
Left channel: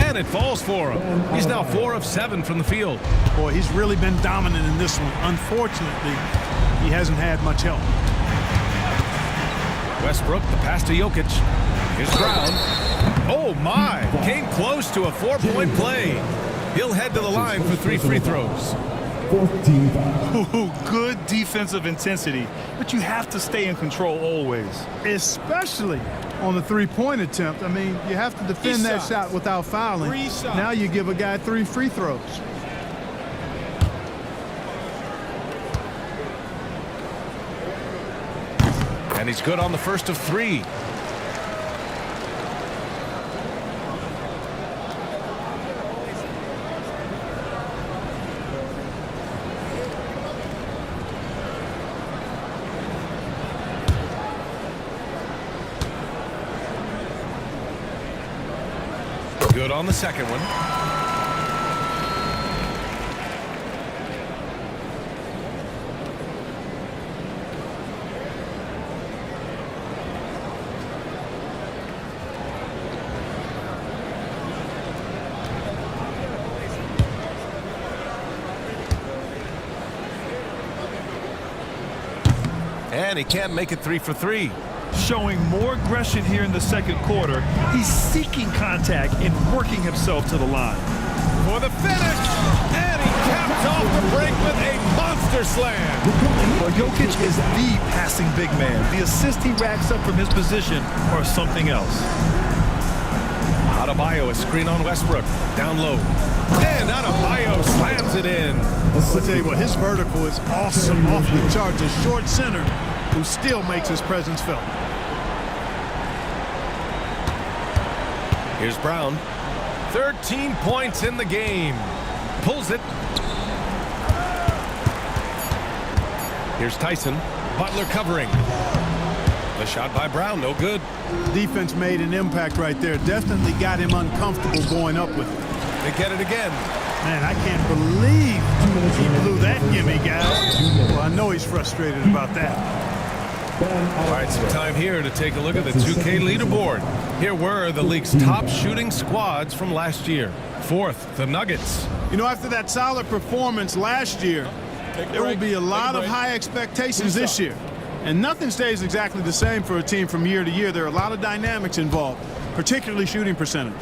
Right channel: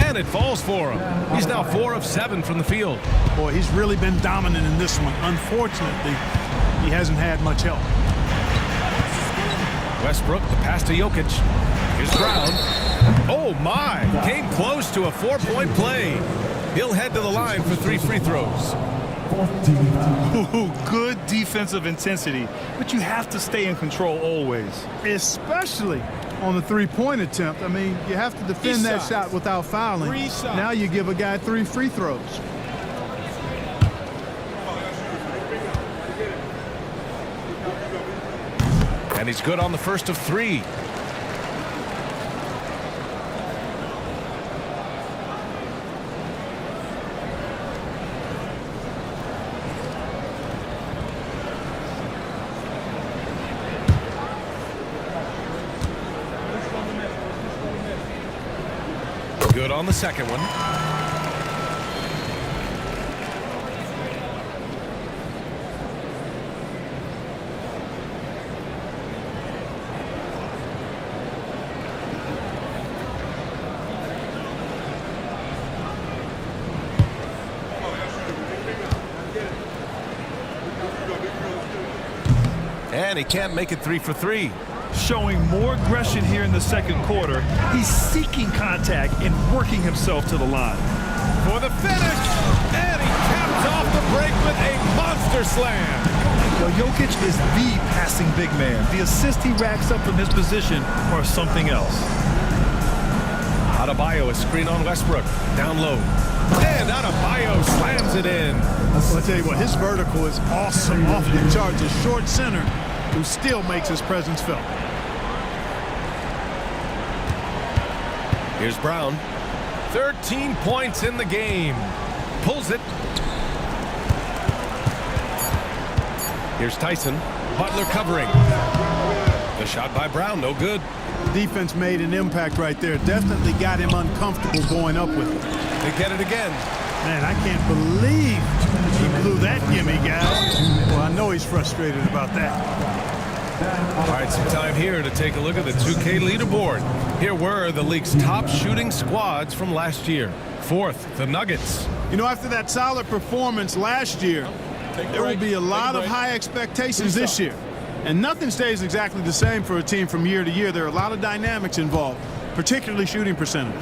and it falls for him. He's now 4 of 7 from the field. Boy, he's really been dominant in this one. Unfortunately, he hasn't had much help. Westbrook, the pass to Jokic. Here's Brown. Oh, my. Came close to a 4-point play. He'll head to the line for 3 free throws. 14 foul. Ooh, good defensive intensity, but you have to stay in control always. Especially on the three-point attempt. I mean, you have to defend that shot without fouling. Now you give a guy 3 free throws. And he's good on the first of 3. Good on the second one. And he can't make it 3 for 3. Showing more aggression here in the second quarter. He's seeking contact and working himself to the line. For the finish, and he caps off the break with a monster slam. Well, Jokic is the passing big man. The assist he racks up from his position or something else. Adebayo, a screen on Westbrook. Down low. And Adebayo slams it in. I'll tell you what, his vertical is awesome, off the charts. A short center who still makes his presence felt. Here's Brown. 13 points in the game. Pulls it. Here's Tyson. Butler covering. The shot by Brown, no good. Defense made an impact right there. Definitely got him uncomfortable going up with it. They get it again. Man, I can't believe he blew that gimme, guys. Well, I know he's frustrated about that. All right, some time here to take a look at the 2K leaderboard. Here were the league's top shooting squads from last year. 4th, the Nuggets. You know, after that solid performance last year, there will be a lot of high expectations this year. And nothing stays exactly the same for a team from year to year. There are a lot of dynamics involved, particularly shooting percentages.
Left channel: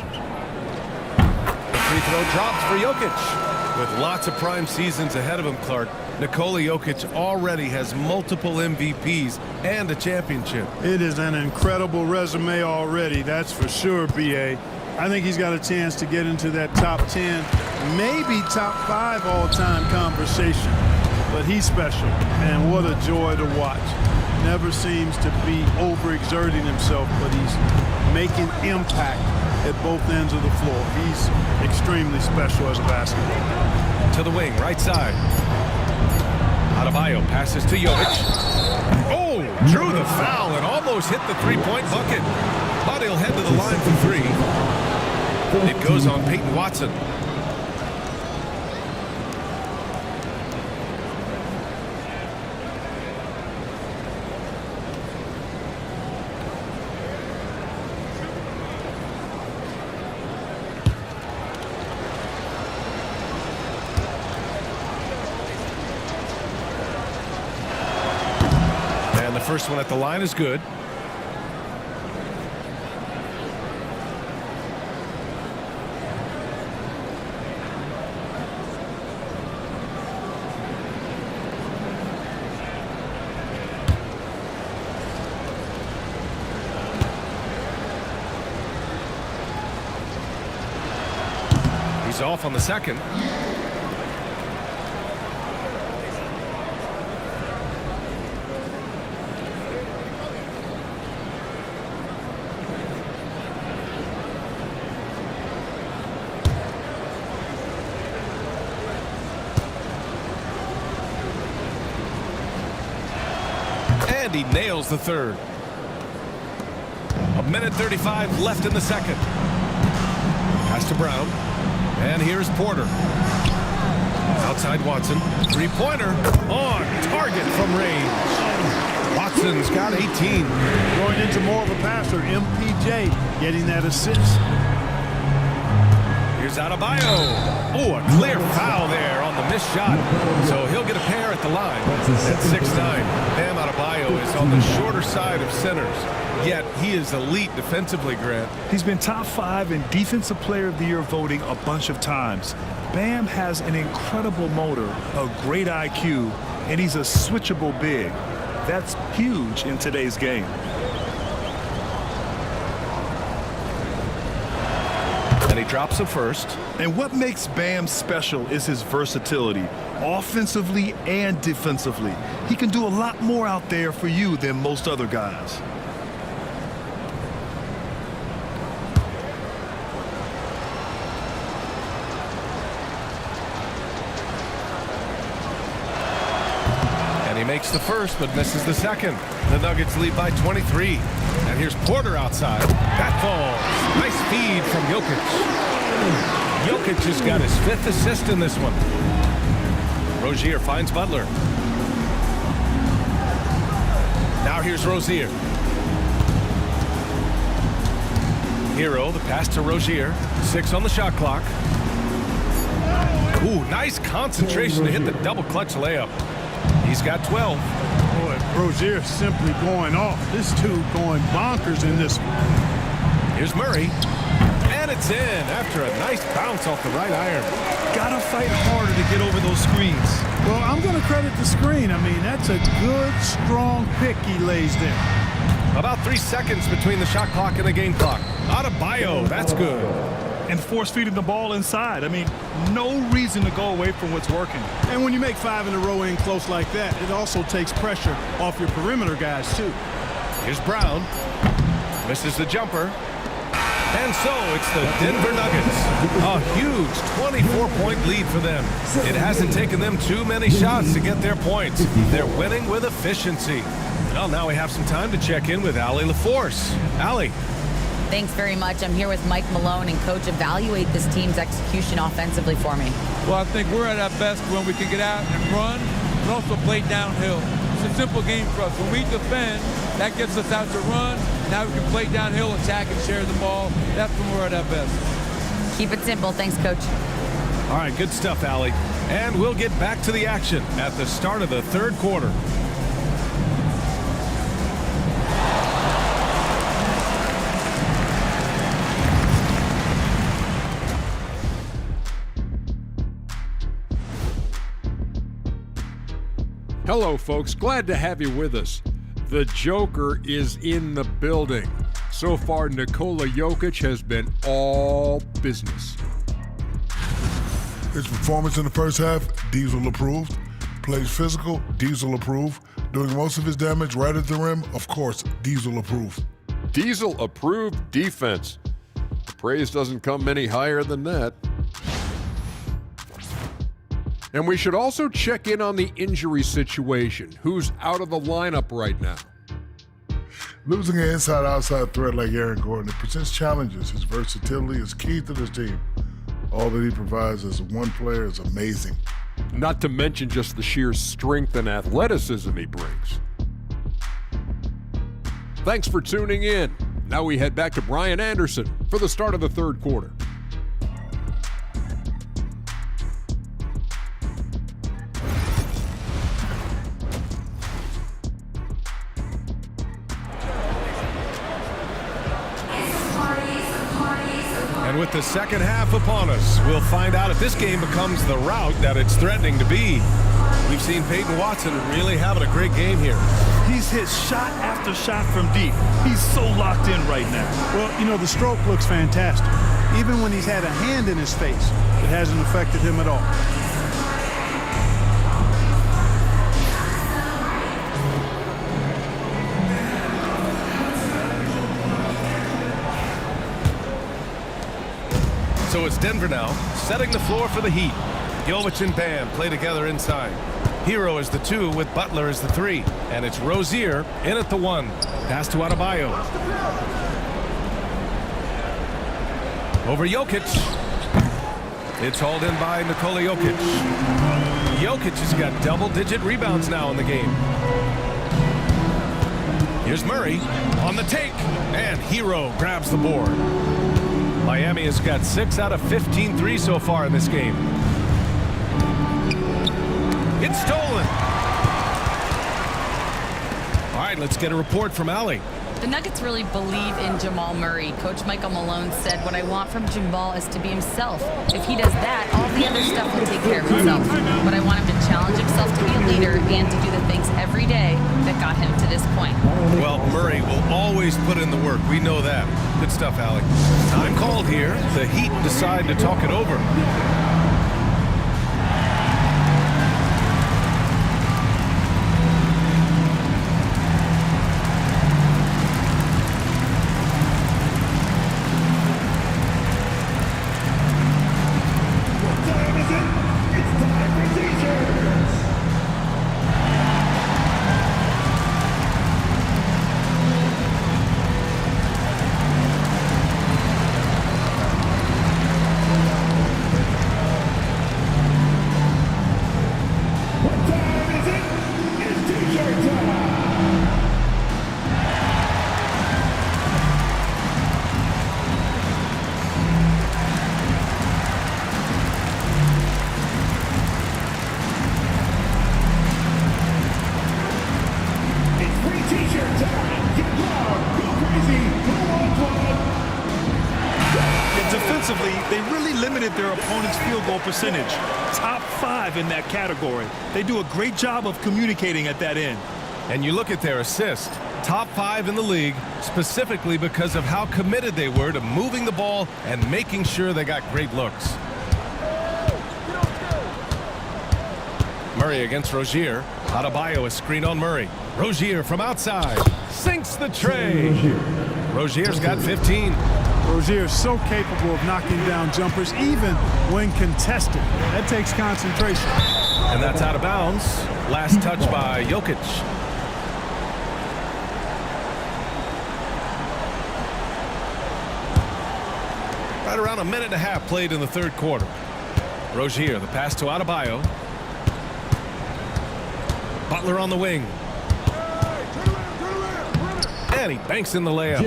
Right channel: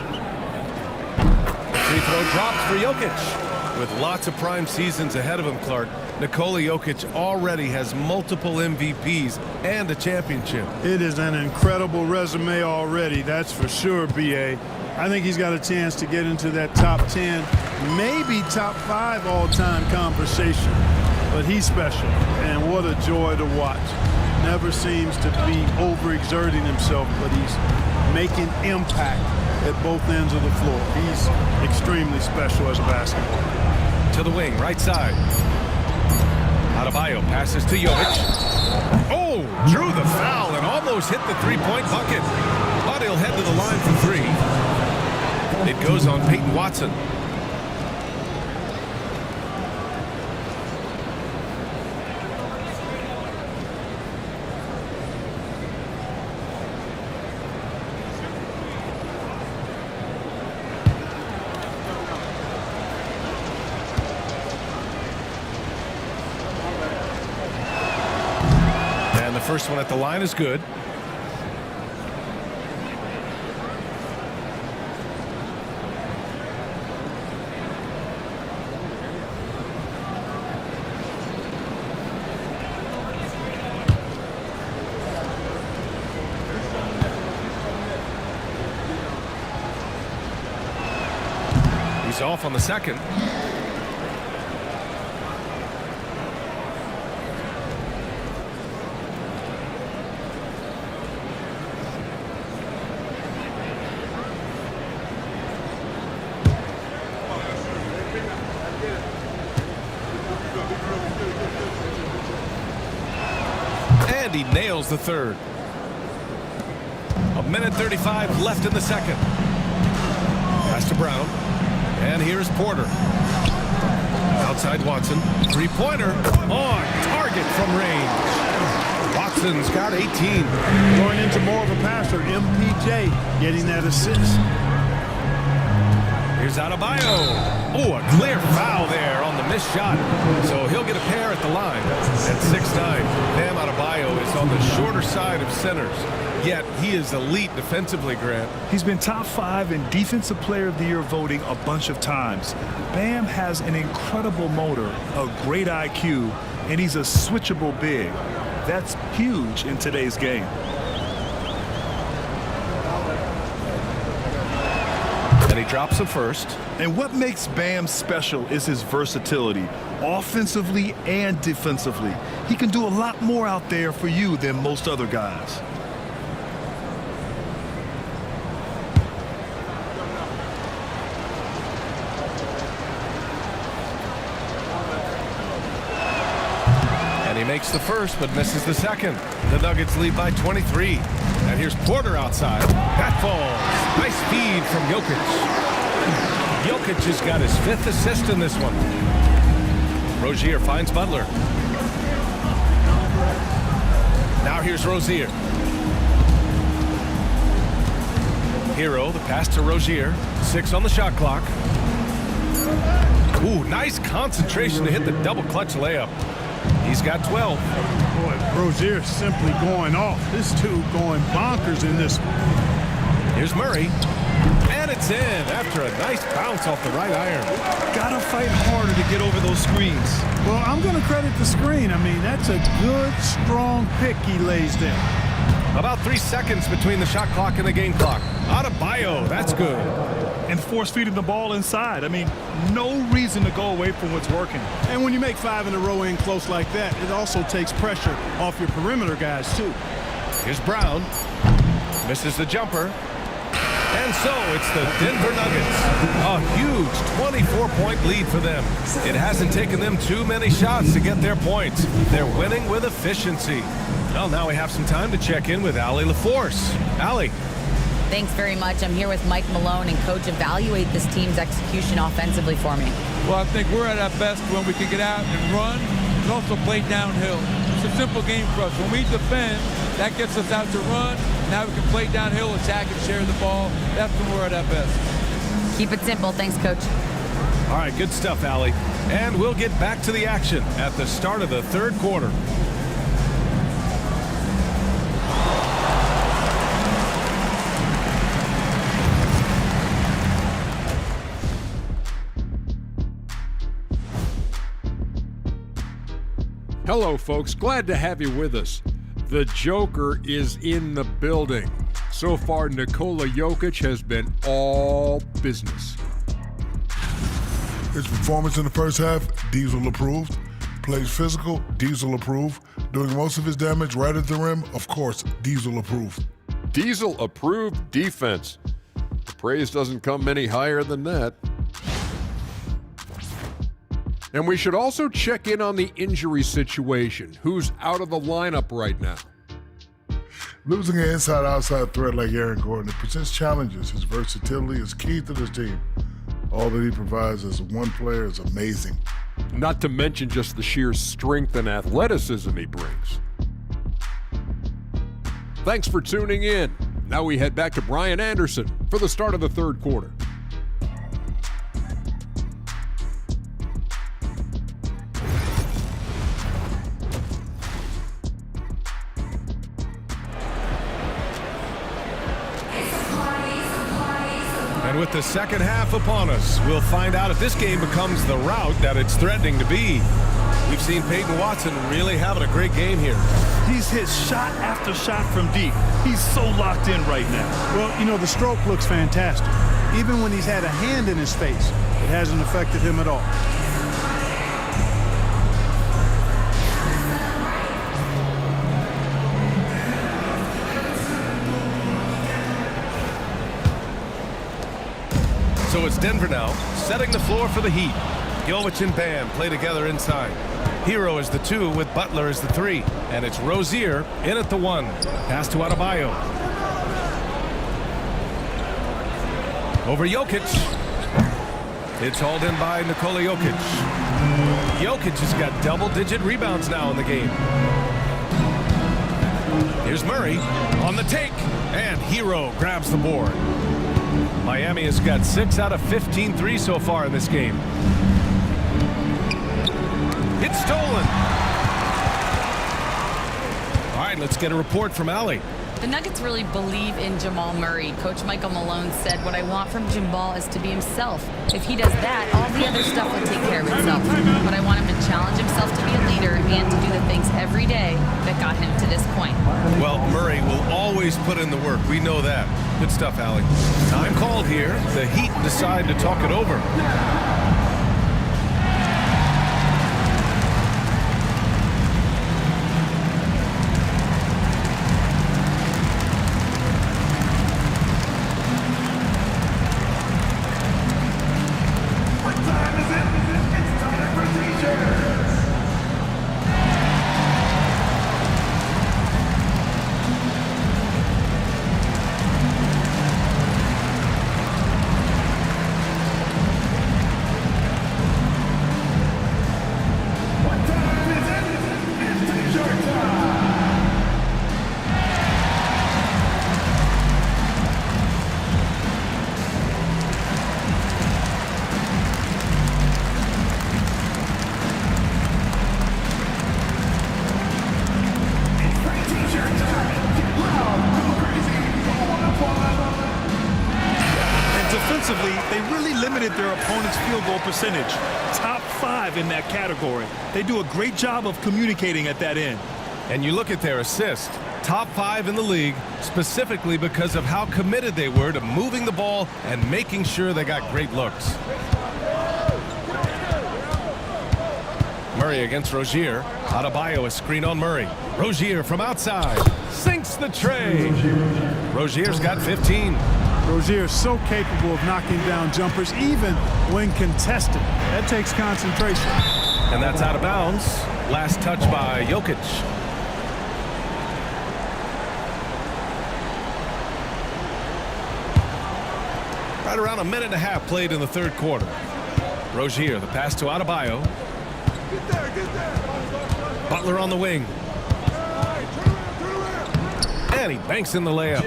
The free throw drops for Jokic. With lots of prime seasons ahead of him, Clark, Nikola Jokic already has multiple MVPs and a championship. It is an incredible resume already, that's for sure, BA. I think he's got a chance to get into that top 10, maybe top 5 all-time conversation. But he's special, and what a joy to watch. Never seems to be overexerting himself, but he's making impact at both ends of the floor. He's extremely special as a basketball player. To the wing, right side. Adebayo passes to Jokic. Oh, drew the foul and almost hit the three-point bucket. But he'll head to the line for 3. It goes on Peyton Watson. first one at the line is good. He's off on the second. And he nails the third. 1:35 left in the second. Pass to Brown. And here's Porter. Outside Watson. Three-pointer on target from range. Watson's got 18. Going into more of a passer, MPJ getting that assist. Here's Adebayo. Oh, a clear foul there on the missed shot. So he'll get a pair at the line. At 6'9", Bam Adebayo is on the shorter side of centers. Yet he is elite defensively, Grant. He's been top 5 in Defensive Player of the Year voting a bunch of times. Bam has an incredible motor, a great IQ, and he's a switchable big. That's huge in today's game. And he drops the first. And what makes Bam special is his versatility, offensively and defensively. He can do a lot more out there for you than most other guys. And he makes the first, but misses the second. The Nuggets lead by 23. And here's Porter outside. That falls. Nice feed from Jokic. Jokic has got his 5th assist in this one. Rozier finds Butler. Now here's Rozier. Hero, the pass to Rozier. 6 on the shot clock. Ooh, nice concentration to hit the double clutch layup. He's got 12. Boy, Rozier simply going off. This dude going bonkers in this one. Here's Murray. And it's in after a nice bounce off the right iron. Gotta fight harder to get over those screens. Well, I'm going to credit the screen. I mean, that's a good, strong pick he lays there. About 3 seconds between the shot clock and the game clock. Adebayo, that's good. And force feeding the ball inside. I mean, no reason to go away from what's working. And when you make 5 in a row in close like that, it also takes pressure off your perimeter guys, too. Here's Brown. Misses the jumper. And so it's the Denver Nuggets. A huge 24-point lead for them. It hasn't taken them too many shots to get their points. They're winning with efficiency. Well, now we have some time to check in with Allie LaForce. Allie. Thanks very much. I'm here with Mike Malone, and Coach, evaluate this team's execution offensively for me. Well, I think we're at our best when we can get out and run, and also play downhill. It's a simple game for us. When we defend, that gets us out to run. Now we can play downhill, attack, and share the ball. That's when we're at our best. Keep it simple. Thanks, Coach. All right, good stuff, Allie. And we'll get back to the action at the start of the third quarter. Hello, folks. Glad to have you with us. The Joker is in the building. So far, Nikola Jokic has been all business. His performance in the first half, Diesel approved. Plays physical, Diesel approved. Doing most of his damage right at the rim, of course, Diesel approved. Diesel approved defense. The praise doesn't come any higher than that. And we should also check in on the injury situation. Who's out of the lineup right now? Losing an inside-outside threat like Aaron Gordon, it presents challenges. His versatility is key to this team. All that he provides as one player is amazing. Not to mention just the sheer strength and athleticism he brings. Thanks for tuning in. Now we head back to Brian Anderson for the start of the third quarter. And with the second half upon us, we'll find out if this game becomes the rout that it's threatening to be. We've seen Peyton Watson really having a great game here. He's hit shot after shot from deep. He's so locked in right now. Well, you know, the stroke looks fantastic. Even when he's had a hand in his face, it hasn't affected him at all. So it's Denver now, setting the floor for the Heat. Jovic and Bam play together inside. Hero is the 2 with Butler as the 3. And it's Rozier in at the 1. Pass to Adebayo. Over Jokic. It's hauled in by Nikola Jokic. Jokic has got double-digit rebounds now in the game. Here's Murray on the take. And Hero grabs the board. Miami has got 6 out of 15 threes so far in this game. It's stolen. All right, let's get a report from Allie. The Nuggets really believe in Jamal Murray. Coach Michael Malone said, "What I want from Jamal is to be himself. If he does that, all the other stuff will take care of itself. But I want him to challenge himself to be a leader and to do the things every day that got him to this point." Well, Murray will always put in the work. We know that. Good stuff, Allie. Time called here. The Heat decide to talk it over. Defensively, they really limited their opponent's field goal percentage. Top 5 in that category. They do a great job of communicating at that end. And you look at their assist, top 5 in the league, specifically because of how committed they were to moving the ball and making sure they got great looks. Murray against Rozier. Adebayo a screen on Murray. Rozier from outside. Sinks the tray. Rozier's got 15. Rozier is so capable of knocking down jumpers, even when contested. That takes concentration. And that's out of bounds. Last touch by Jokic. Right around a minute and a half played in the third quarter. Rozier, the pass to Adebayo. Butler on the wing. And he banks in the layup.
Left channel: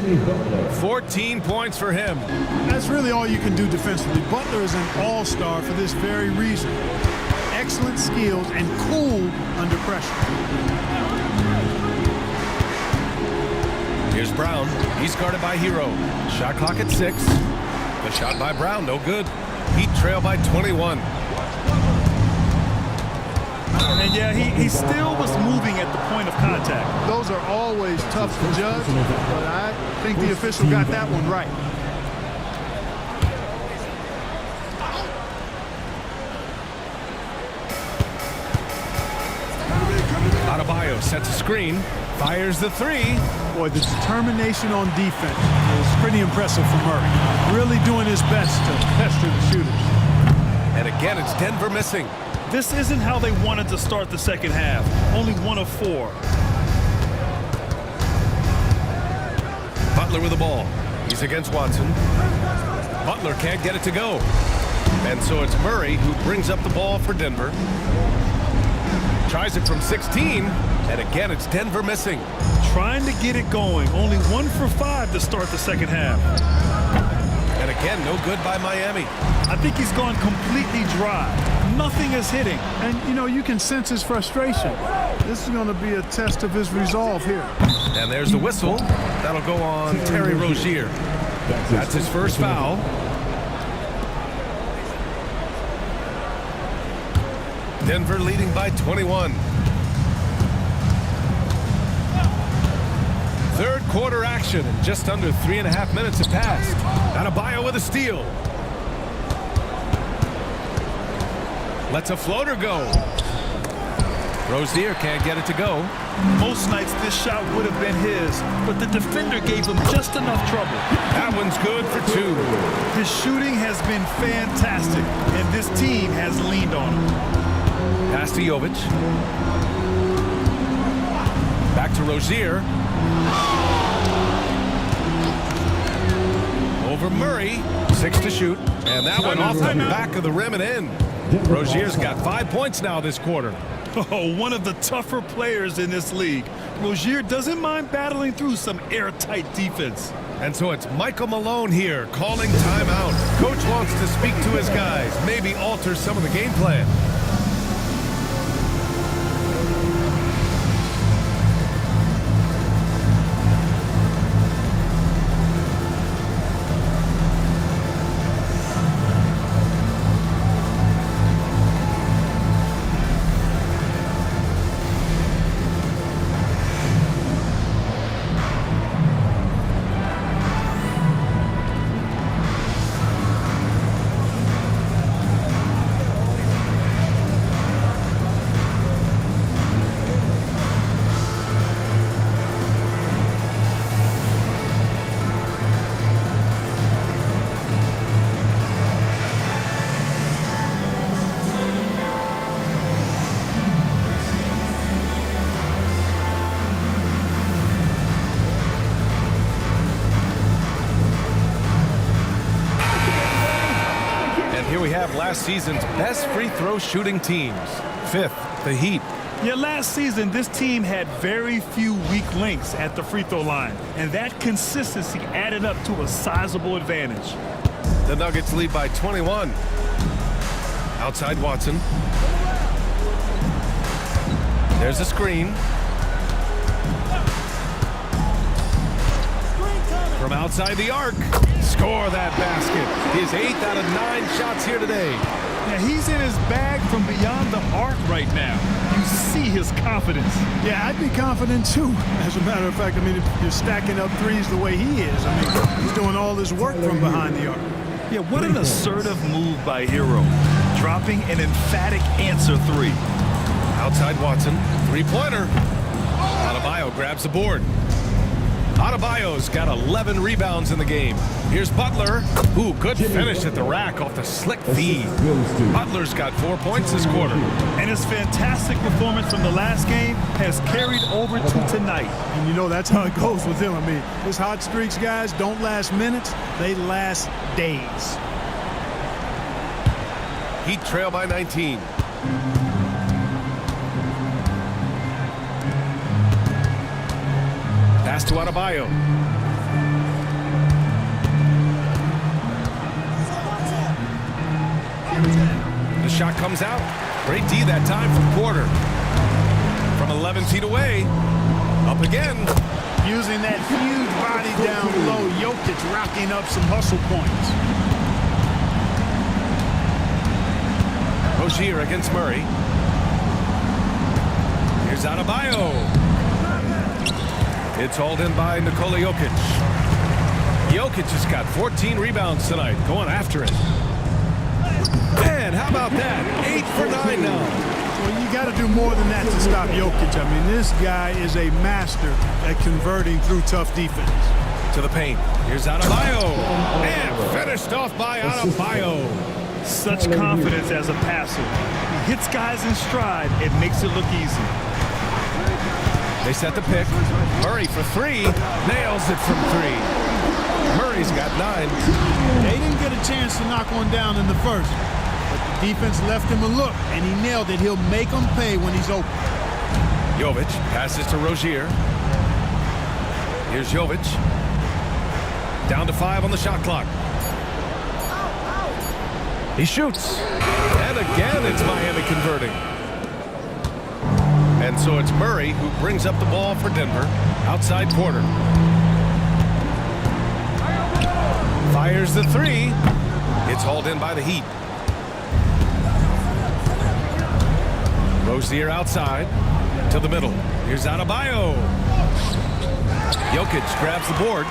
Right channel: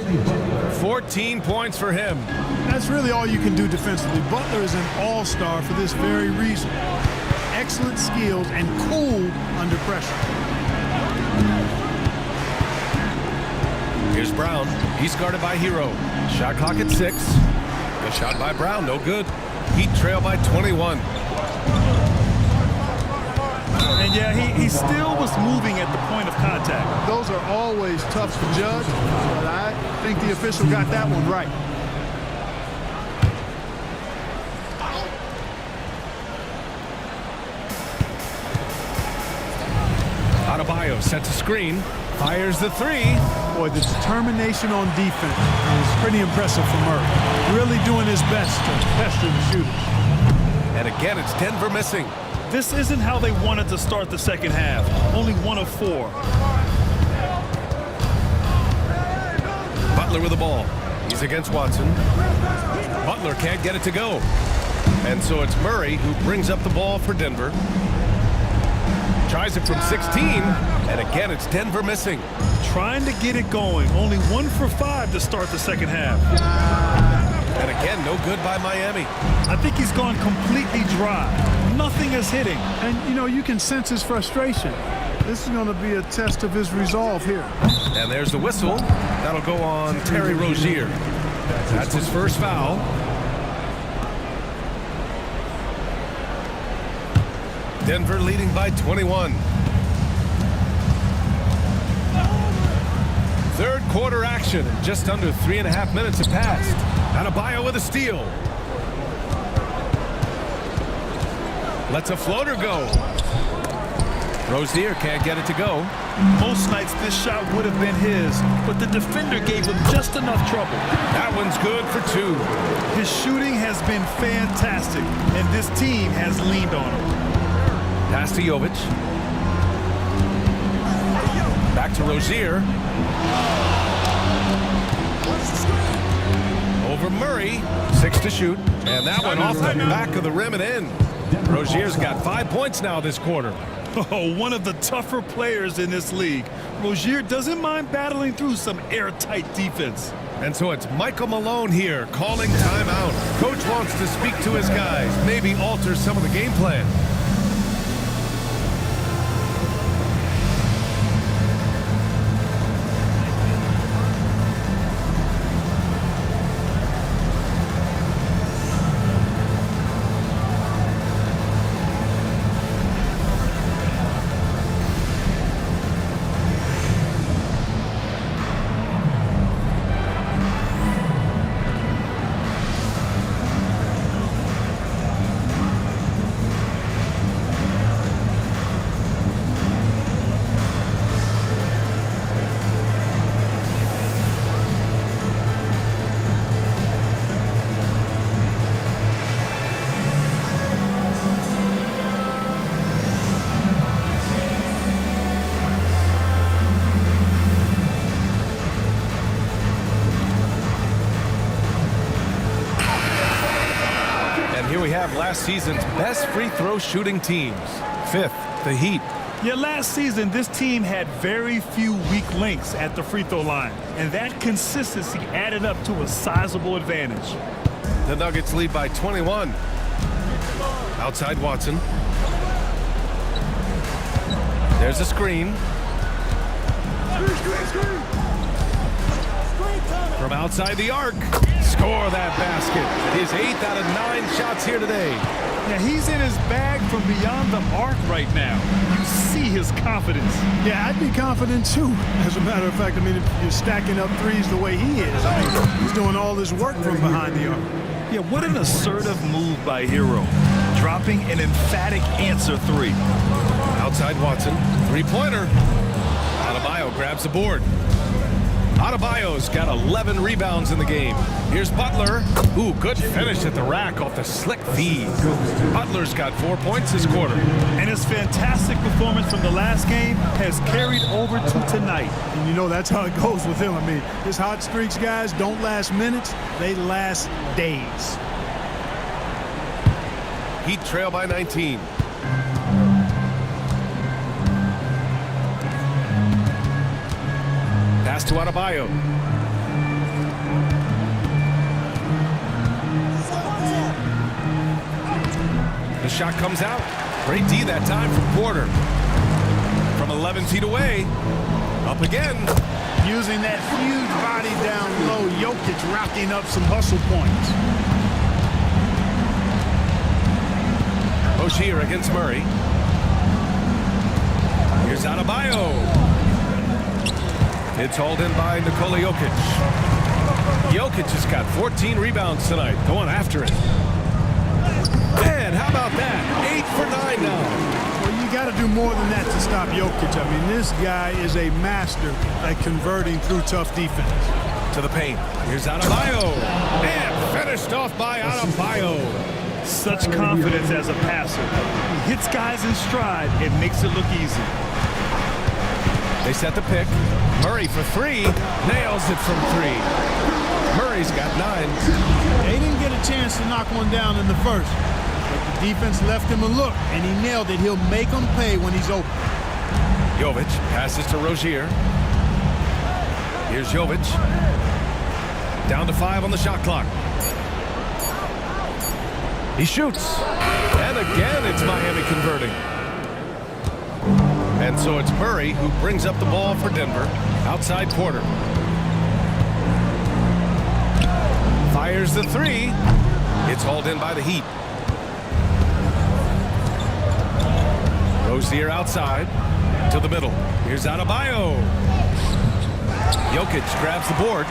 14 points for him. That's really all you can do defensively. Butler is an all-star for this very reason. Excellent skills and cool under pressure. Here's Brown. He's guarded by Hero. Shot clock at 6. The shot by Brown, no good. Heat trail by 21. And yeah, he still was moving at the point of contact. Those are always tough to judge, but I think the official got that one right. Adebayo sets a screen, fires the 3. Boy, the determination on defense is pretty impressive from Murray. Really doing his best to pester the shooters. And again, it's Denver missing. This isn't how they wanted to start the second half. Only 1 of 4. Butler with the ball. He's against Watson. Butler can't get it to go. And so it's Murray who brings up the ball for Denver. Tries it from 16, and again it's Denver missing. Trying to get it going. Only 1 for 5 to start the second half. And again, no good by Miami. I think he's gone completely dry. Nothing is hitting. And, you know, you can sense his frustration. This is going to be a test of his resolve here. And there's the whistle. That'll go on Terry Rozier. That's his first foul. Denver leading by 21. Third quarter action, and just under 3.5 minutes have passed. Adebayo with a steal. Lets a floater go. Rozier can't get it to go. Most nights this shot would have been his, but the defender gave him just enough trouble. That one's good for 2. His shooting has been fantastic, and this team has leaned on him. Pass to Jovic. Back to Rozier. Over Murray. 6 to shoot. And that one off the back of the rim and in. Rozier's got 5 points now this quarter. Oh, one of the tougher players in this league. Rozier doesn't mind battling through some airtight defense. And so it's Michael Malone here calling timeout. Coach wants to speak to his guys, maybe alter some of the game plan. And here we have last season's best free throw shooting teams. 5th, the Heat. Yeah, last season, this team had very few weak links at the free throw line, and that consistency added up to a sizable advantage. The Nuggets lead by 21. Outside Watson. There's a screen. From outside the arc. Score that basket. His 8th out of 9 shots here today. Yeah, he's in his bag from beyond the arc right now. You see his confidence. Yeah, I'd be confident too. As a matter of fact, I mean, if you're stacking up threes the way he is, I mean, he's doing all this work from behind the arc. Yeah, what an assertive move by Hero. Dropping an emphatic answer 3. Outside Watson. 3-pointer. Adebayo grabs the board. Adebayo's got 11 rebounds in the game. Here's Butler. Ooh, good finish at the rack off the slick feed. Butler's got 4 points this quarter. And his fantastic performance from the last game has carried over to tonight. And you know that's how it goes with him. I mean, his hot streaks, guys, don't last minutes. They last days. Heat trail by 19. Pass to Adebayo. The shot comes out. Great D that time from Porter. From 11 feet away. Up again. Using that huge body down low, Jokic racking up some hustle points. Rozier against Murray. Here's Adebayo. It's hauled in by Nikola Jokic. Jokic has got 14 rebounds tonight, going after it. And how about that? 8 for 9 now. Well, you got to do more than that to stop Jokic. I mean, this guy is a master at converting through tough defense. To the paint. Here's Adebayo. And finished off by Adebayo. Such confidence as a passer. He hits guys in stride and makes it look easy. They set the pick. Murray for 3. Nails it from 3. Murray's got 9. They didn't get a chance to knock one down in the first, but the defense left him a look, and he nailed it. He'll make them pay when he's open. Jovic passes to Rozier. Here's Jovic. Down to 5 on the shot clock. He shoots. And again, it's Miami converting. And so it's Murray who brings up the ball for Denver. Outside Porter. Fires the 3. It's hauled in by the Heat. Rozier outside to the middle. Here's Adebayo. Jokic grabs the board.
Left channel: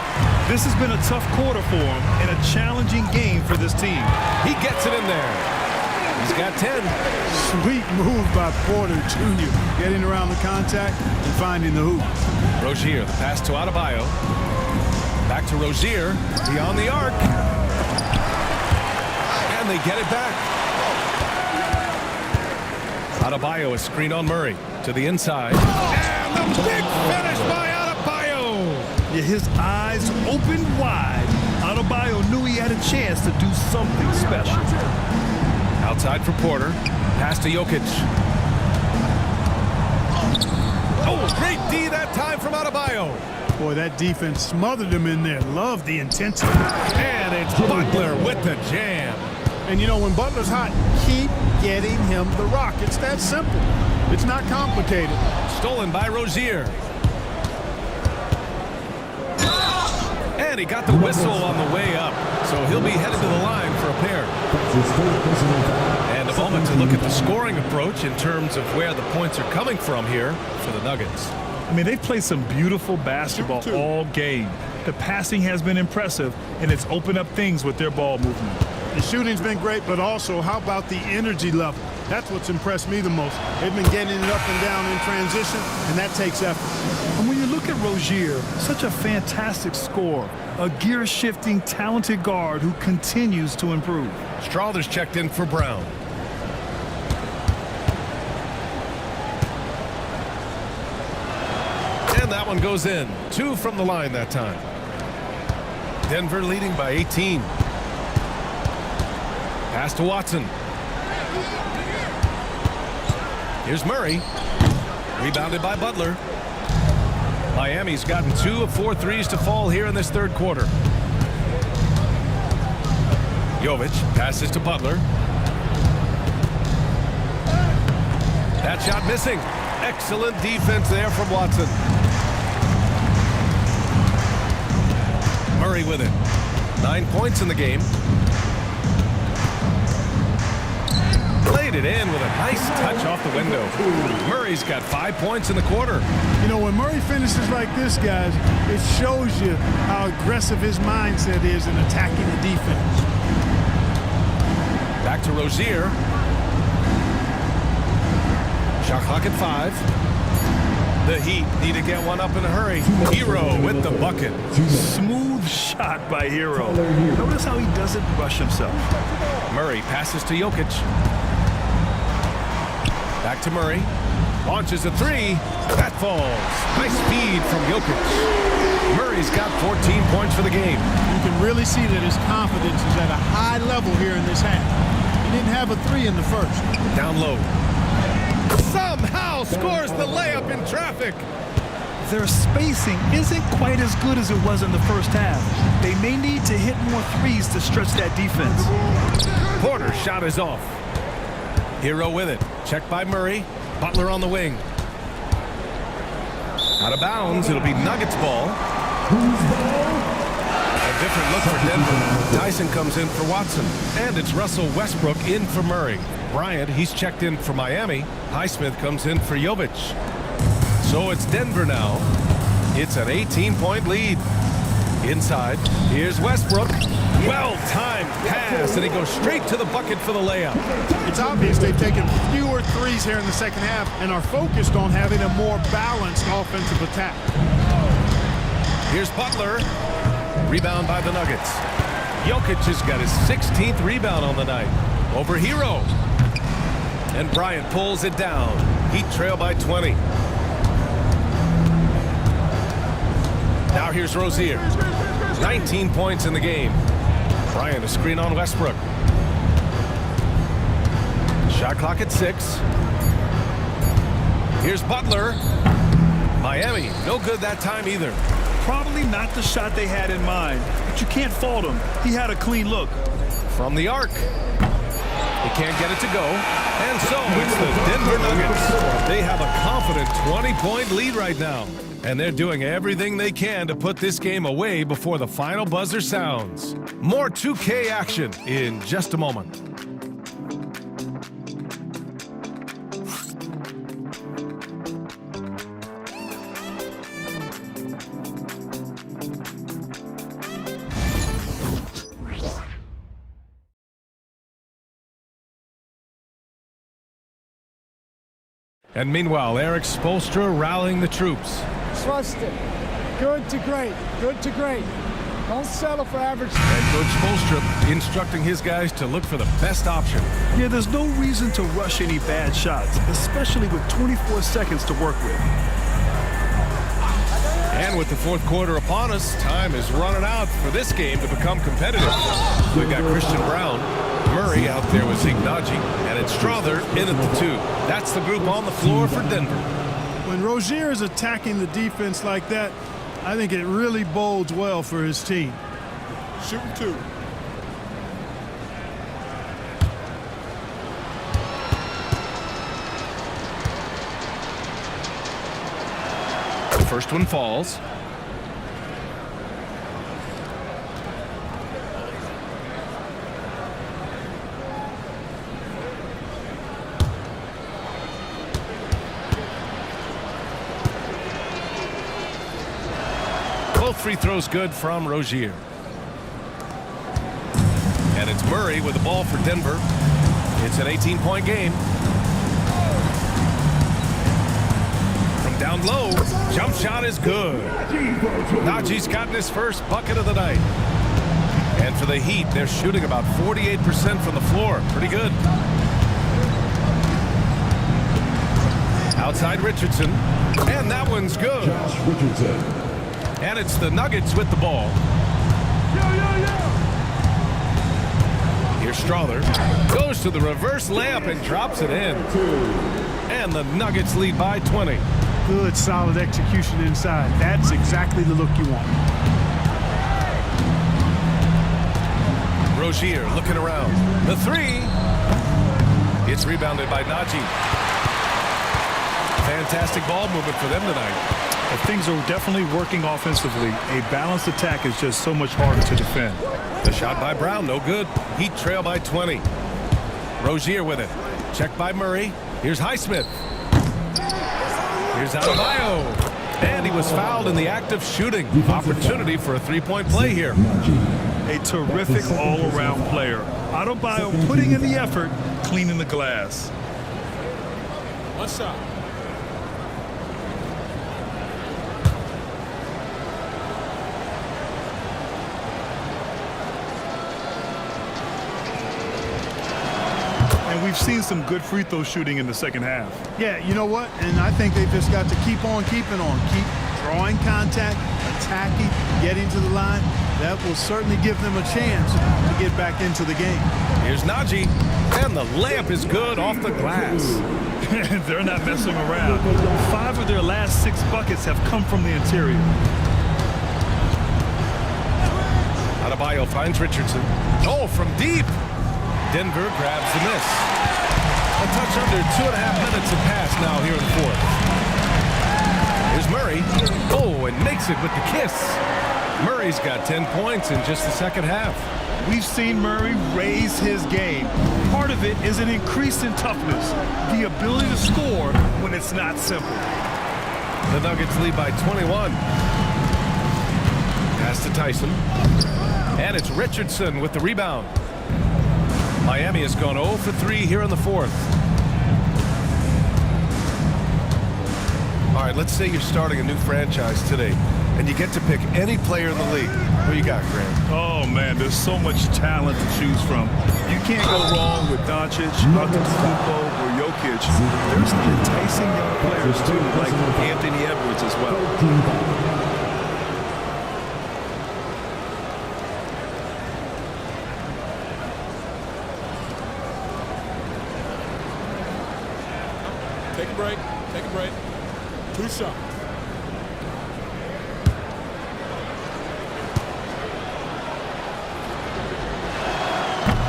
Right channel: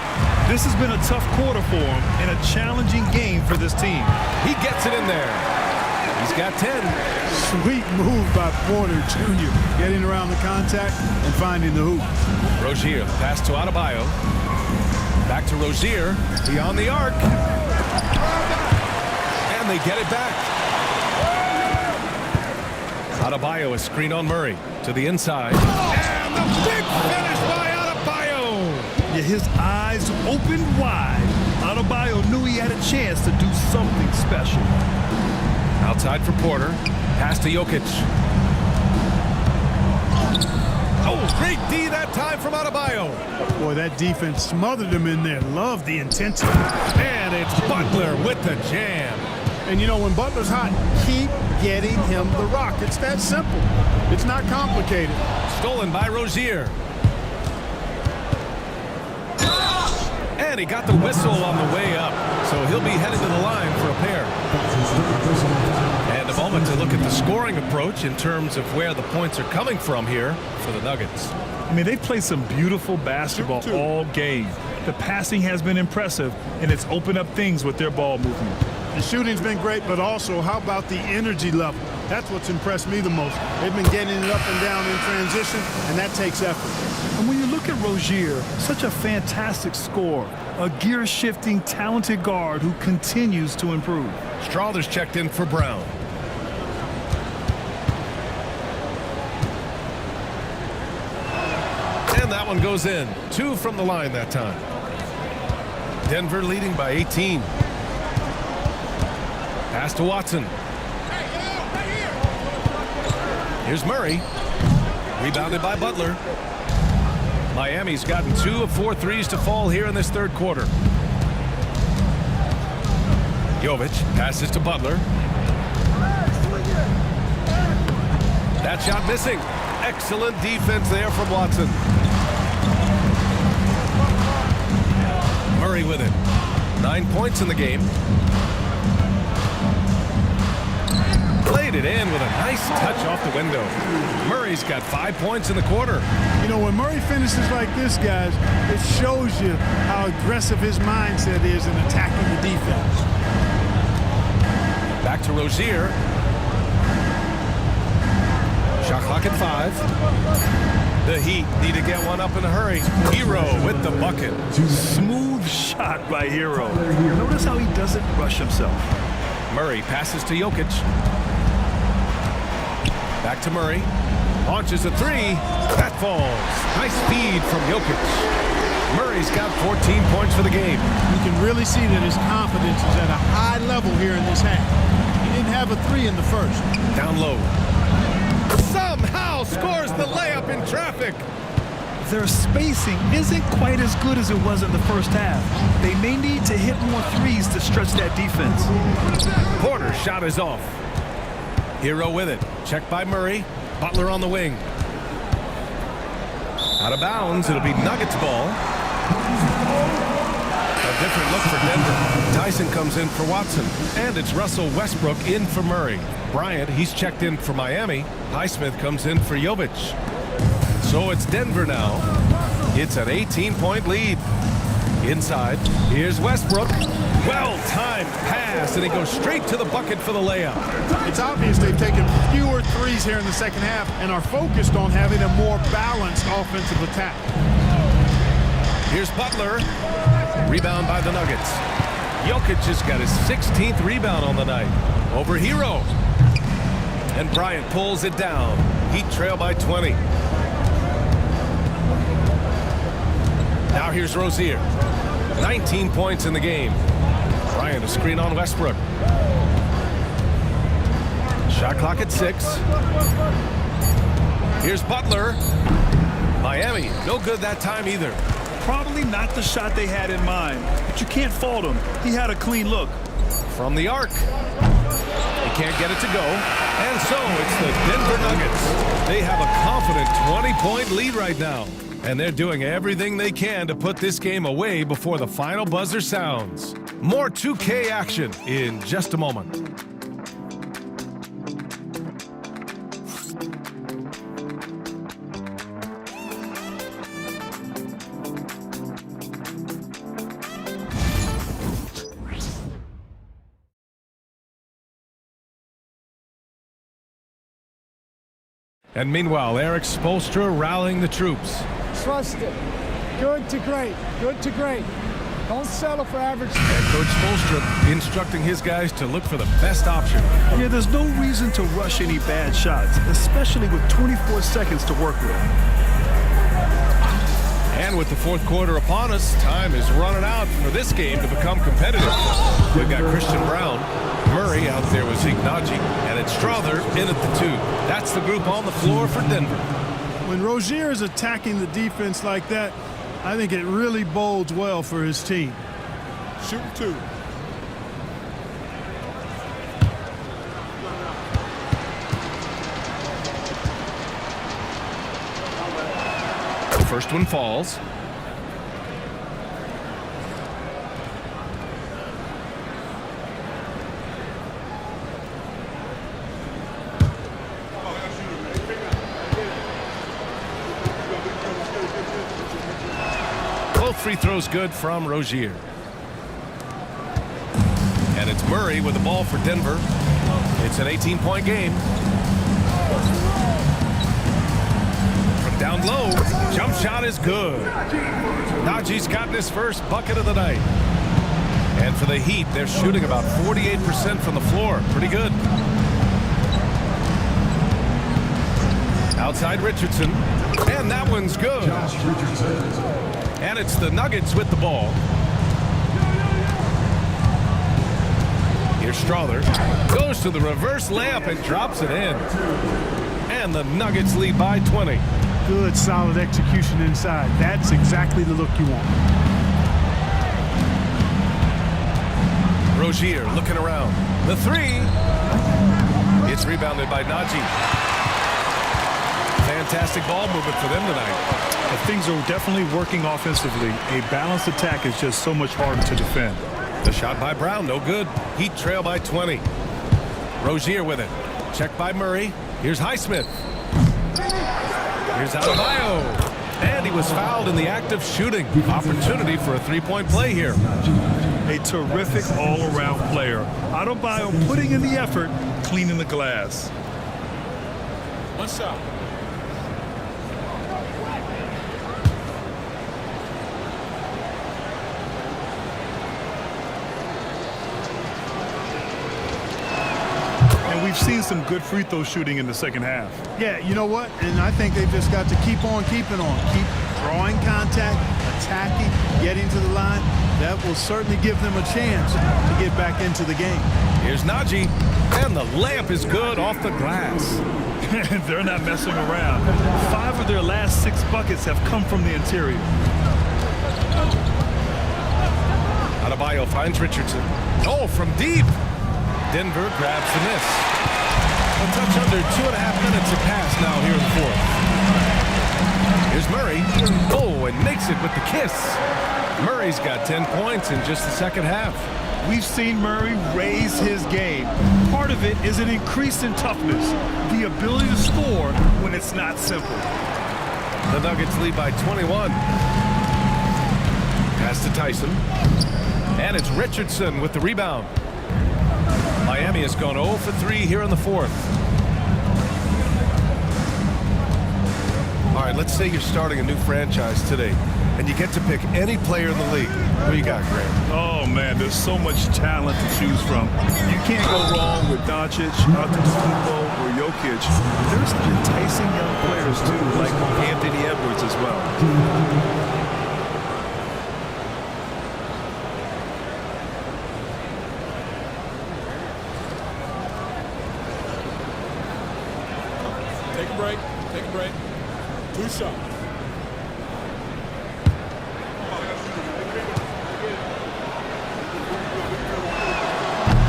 This has been a tough quarter for him and a challenging game for this team. He gets it in there. He's got 10. Sweet move by Porter Jr. Getting around the contact and finding the hoop. Rozier, the pass to Adebayo. Back to Rozier, beyond the arc. And they get it back. Adebayo, a screen on Murray to the inside. And the big finish by Adebayo. Yeah, his eyes opened wide. Adebayo knew he had a chance to do something special. Outside for Porter. Pass to Jokic. Oh, great D that time from Adebayo. Boy, that defense smothered him in there. Love the intensity. And it's Butler with the jam. And you know, when Butler's hot, keep getting him the rock. It's that simple. It's not complicated. Stolen by Rozier. And he got the whistle on the way up, so he'll be headed to the line for a pair. And a moment to look at the scoring approach in terms of where the points are coming from here for the Nuggets. I mean, they've played some beautiful basketball all game. The passing has been impressive, and it's opened up things with their ball movement. The shooting's been great, but also how about the energy level? That's what's impressed me the most. They've been getting it up and down in transition, and that takes effort. And when you look at Rozier, such a fantastic scorer, a gear-shifting, talented guard who continues to improve. Strawther's checked in for Brown. And that one goes in. 2 from the line that time. Denver leading by 18. Pass to Watson. Here's Murray. Rebounded by Butler. Miami's gotten 2 of 4 threes to fall here in this third quarter. Jovic passes to Butler. That shot missing. Excellent defense there from Watson. Murray with it. 9 points in the game. Played it in with a nice touch off the window. Murray's got 5 points in the quarter. You know, when Murray finishes like this, guys, it shows you how aggressive his mindset is in attacking the defense. Back to Rozier. Shot clock at 5. The Heat need to get one up in a hurry. Hero with the bucket. Smooth shot by Hero. Notice how he doesn't rush himself. Murray passes to Jokic. Back to Murray. Launches a 3. That falls. Nice feed from Jokic. Murray's got 14 points for the game. You can really see that his confidence is at a high level here in this half. He didn't have a 3 in the first. Down low. Somehow scores the layup in traffic. Their spacing isn't quite as good as it was in the first half. They may need to hit more threes to stretch that defense. Porter's shot is off. Hero with it. Checked by Murray. Butler on the wing. Out of bounds. It'll be Nuggets ball. A different look for Denver. Dyson comes in for Watson. And it's Russell Westbrook in for Murray. Bryant, he's checked in for Miami. Highsmith comes in for Jovic. So it's Denver now. It's an 18-point lead. Inside, here's Westbrook. Well-timed pass, and he goes straight to the bucket for the layup. It's obvious they've taken fewer threes here in the second half and are focused on having a more balanced offensive attack. Here's Butler. Rebound by the Nuggets. Jokic has got his 16th rebound on the night over Hero. And Bryant pulls it down. Heat trail by 20. Now here's Rozier. 19 points in the game. Bryant a screen on Westbrook. Shot clock at 6. Here's Butler. Miami, no good that time either. Probably not the shot they had in mind, but you can't fault him. He had a clean look. From the arc. He can't get it to go. And so it's the Denver Nuggets. They have a confident 20-point lead right now. And they're doing everything they can to put this game away before the final buzzer sounds. More 2K action in just a moment. And meanwhile, Eric Spoelstra rallying the troops. Trust it. Good to great. Good to great. Don't settle for average. And Coach Spoelstra instructing his guys to look for the best option. Yeah, there's no reason to rush any bad shots, especially with 24 seconds to work with. And with the fourth quarter upon us, time is running out for this game to become competitive. We've got Christian Brown, Murray out there with Ignaji, and it's Strother in at the 2. That's the group on the floor for Denver. When Rozier is attacking the defense like that, I think it really bodes well for his team. Shooting 2. The first one falls. Both free throws good from Rozier. And it's Murray with the ball for Denver. It's an 18-point game. From down low, jump shot is good. Najee's gotten his first bucket of the night. And for the Heat, they're shooting about 48% from the floor. Pretty good. Outside Richardson. And that one's good. Josh Richardson. And it's the Nuggets with the ball. Here's Strother. Goes to the reverse layup and drops it in. And the Nuggets lead by 20. Good, solid execution inside. That's exactly the look you want. Rozier looking around. The 3. It's rebounded by Najee. Fantastic ball movement for them tonight. Things are definitely working offensively. A balanced attack is just so much harder to defend. The shot by Brown, no good. Heat trail by 20. Rozier with it. Checked by Murray. Here's Highsmith. Here's Adebayo. And he was fouled in the act of shooting. Opportunity for a three-point play here. A terrific all-around player. Adebayo putting in the effort, cleaning the glass. One shot. And we've seen some good free throw shooting in the second half. Yeah, you know what? And I think they've just got to keep on keeping on. Keep drawing contact, attacking, getting to the line. That will certainly give them a chance to get back into the game. Here's Najee. And the layup is good off the glass. They're not messing around. 5 of their last 6 buckets have come from the interior. Adebayo finds Richardson. Oh, from deep. Denver grabs the miss. A touch under 2.5 minutes have passed now here in the fourth. Here's Murray. Oh, and makes it with the kiss. Murray's got 10 points in just the second half. We've seen Murray raise his game. Part of it is an increase in toughness, the ability to score when it's not simple. The Nuggets lead by 21. Pass to Tyson. And it's Richardson with the rebound. Miami has gone 0 for 3 here in the fourth. All right, let's say you're starting a new franchise today, and you get to pick any player in the league. Who you got, Grant? Oh, man, there's so much talent to choose from. You can't go wrong with Doncic, Antetokounmpo, or Jokic. There's some enticing young players, too, like Anthony Edwards as well. Take a break. Take a break. 2 shots.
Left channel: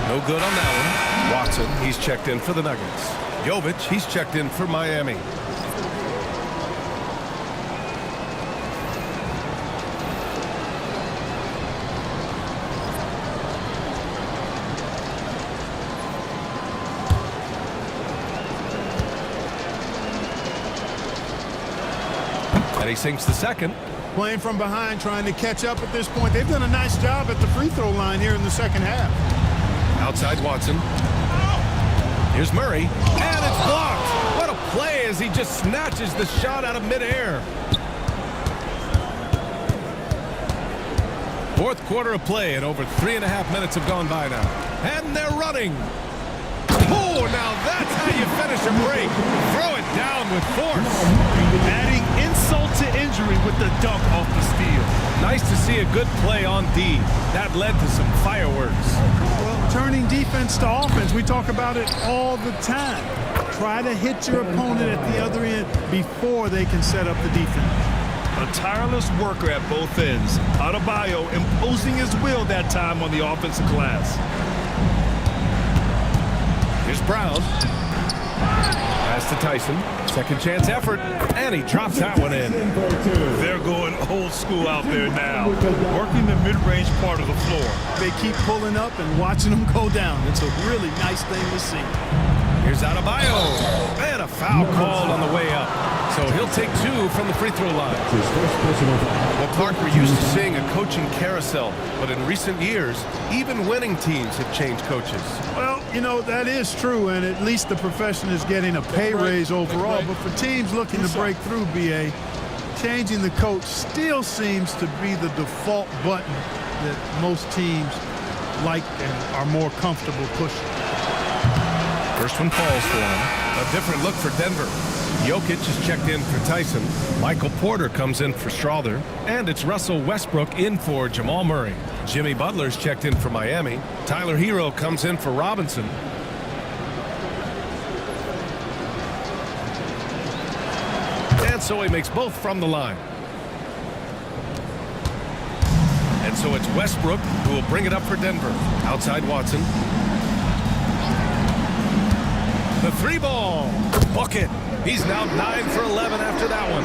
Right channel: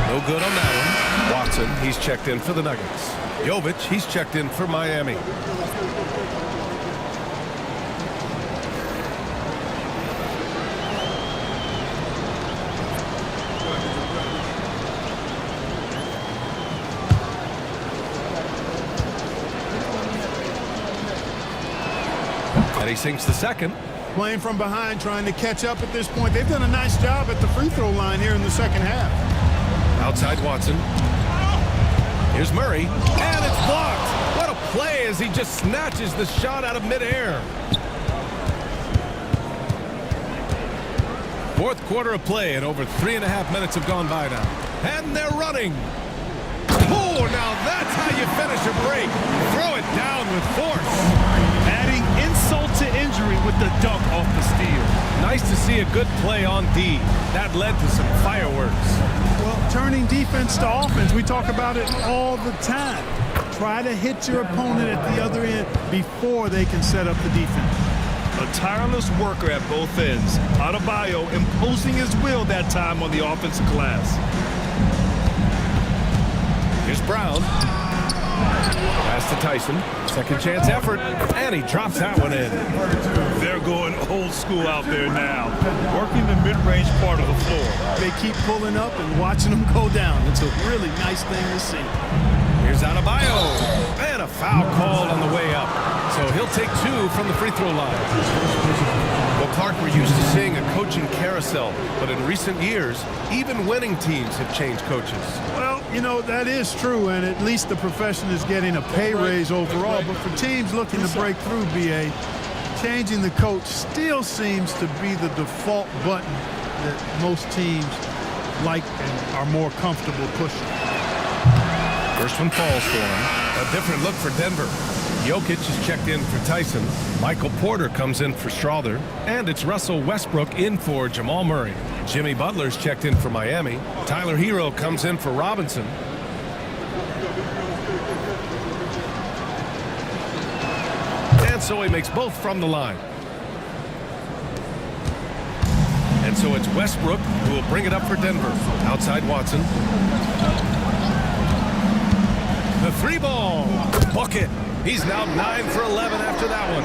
No good on that one. Watson, he's checked in for the Nuggets. Jovic, he's checked in for Miami. And he sinks the second. Playing from behind, trying to catch up at this point. They've done a nice job at the free throw line here in the second half. Outside Watson. Here's Murray, and it's blocked. What a play as he just snatches the shot out of midair. Fourth quarter of play, and over 3.5 minutes have gone by now. And they're running. Oh, now that's how you finish a break. Throw it down with force. Adding insult to injury with the dunk off the steal. Nice to see a good play on D. That led to some fireworks. Well, turning defense to offense, we talk about it all the time. Try to hit your opponent at the other end before they can set up the defense. A tireless worker at both ends. Adebayo imposing his will that time on the offensive glass. Here's Brown. Pass to Tyson. Second chance effort, and he drops that one in. They're going old school out there now, working the mid-range part of the floor. They keep pulling up and watching them go down. It's a really nice thing to see. Here's Adebayo, and a foul called on the way up. So he'll take 2 from the free throw line. Well, Clark, we're used to seeing a coaching carousel, but in recent years, even winning teams have changed coaches. Well, you know, that is true, and at least the profession is getting a pay raise overall. But for teams looking to break through, BA, changing the coach still seems to be the default button that most teams like and are more comfortable pushing. First one falls for him. A different look for Denver. Jokic is checked in for Tyson. Michael Porter comes in for Strother. And it's Russell Westbrook in for Jamal Murray. Jimmy Butler's checked in for Miami. Tyler Hero comes in for Robinson. And so he makes both from the line. And so it's Westbrook who will bring it up for Denver. Outside Watson. The 3-ball. Bucket. He's now 9 for 11 after that one.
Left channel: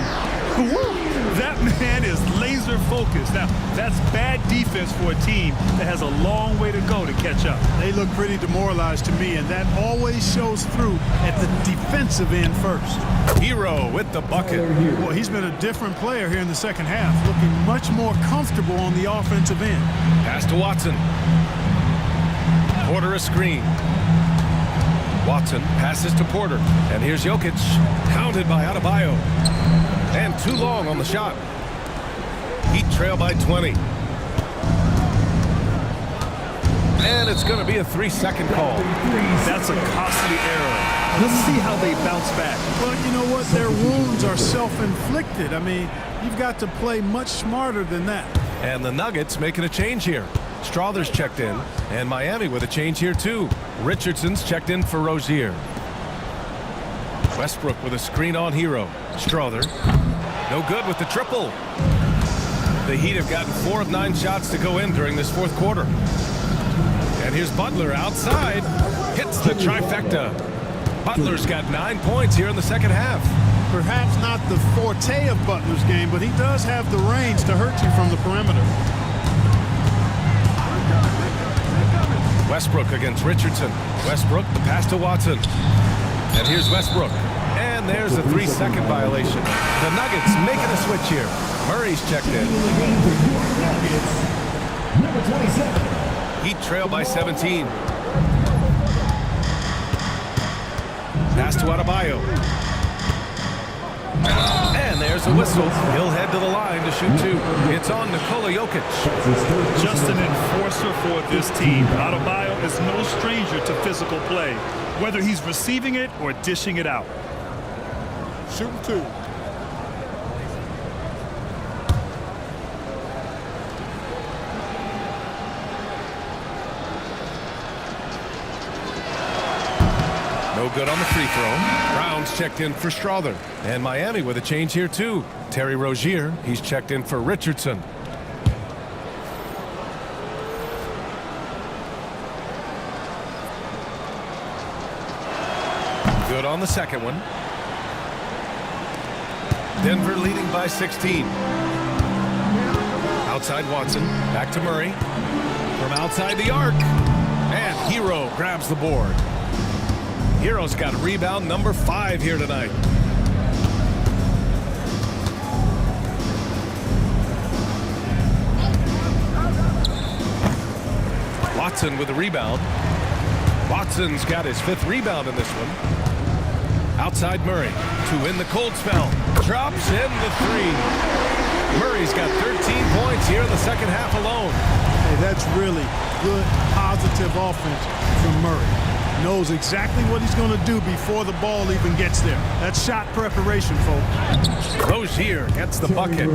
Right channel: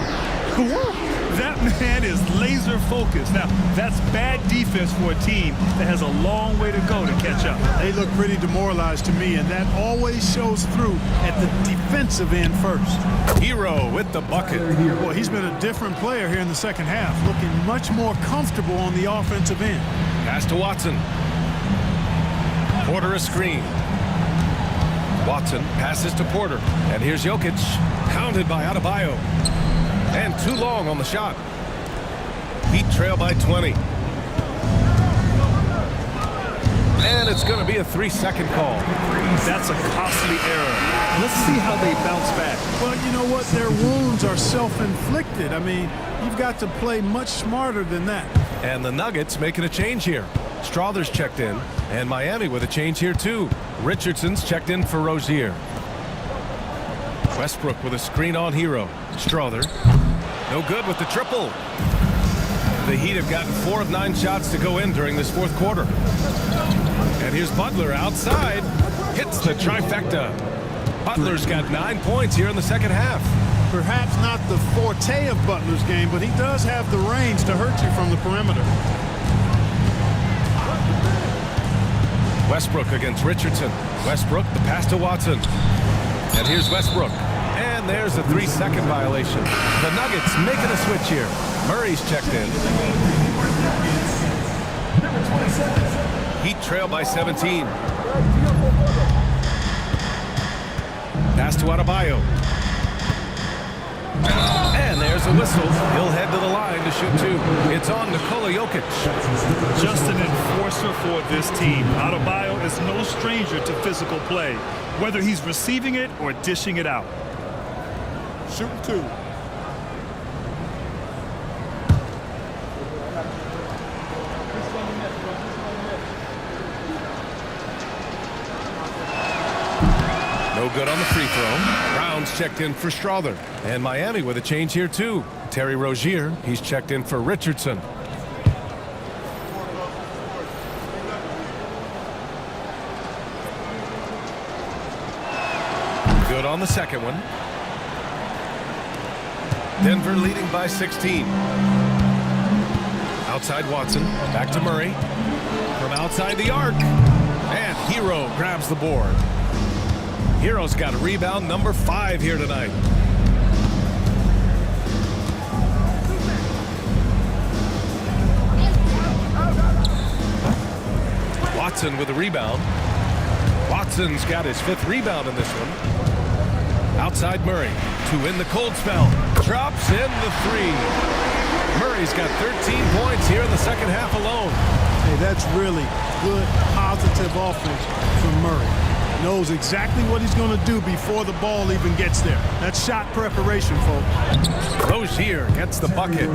That man is laser focused. Now, that's bad defense for a team that has a long way to go to catch up. They look pretty demoralized to me, and that always shows through at the defensive end first. Hero with the bucket. Well, he's been a different player here in the second half, looking much more comfortable on the offensive end. Pass to Watson. Porter a screen. Watson passes to Porter. And here's Jokic, hounded by Adebayo. And too long on the shot. Heat trail by 20. And it's going to be a 3-second call. That's a costly error. Let's see how they bounce back. Well, you know what? Their wounds are self-inflicted. I mean, you've got to play much smarter than that. And the Nuggets making a change here. Strother's checked in, and Miami with a change here too. Richardson's checked in for Rozier. Westbrook with a screen on Hero. Strother, no good with the triple. The Heat have gotten 4 of 9 shots to go in during this fourth quarter. And here's Butler outside, hits the trifecta. Butler's got 9 points here in the second half. Perhaps not the forte of Butler's game, but he does have the range to hurt you from the perimeter. Westbrook against Richardson. Westbrook, the pass to Watson. And here's Westbrook. And there's a 3-second violation. The Nuggets making a switch here. Murray's checked in. Heat trail by 17. Pass to Adebayo. And there's a whistle. He'll head to the line to shoot 2. It's on Nikola Jokic. Just an enforcer for this team. Adebayo is no stranger to physical play, whether he's receiving it or dishing it out. Shooting 2. No good on the free throw. Brown's checked in for Strother. And Miami with a change here too. Terry Rozier, he's checked in for Richardson. Good on the second one. Denver leading by 16. Outside Watson, back to Murray. From outside the arc. And Hero grabs the board. Hero's got rebound number 5 here tonight. Watson with the rebound. Watson's got his 5th rebound in this one. Outside Murray to win the cold spell. Drops in the 3. Murray's got 13 points here in the second half alone. Hey, that's really good, positive offense from Murray. Knows exactly what he's going to do before the ball even gets there. That's shot preparation, folks. Rozier gets the bucket.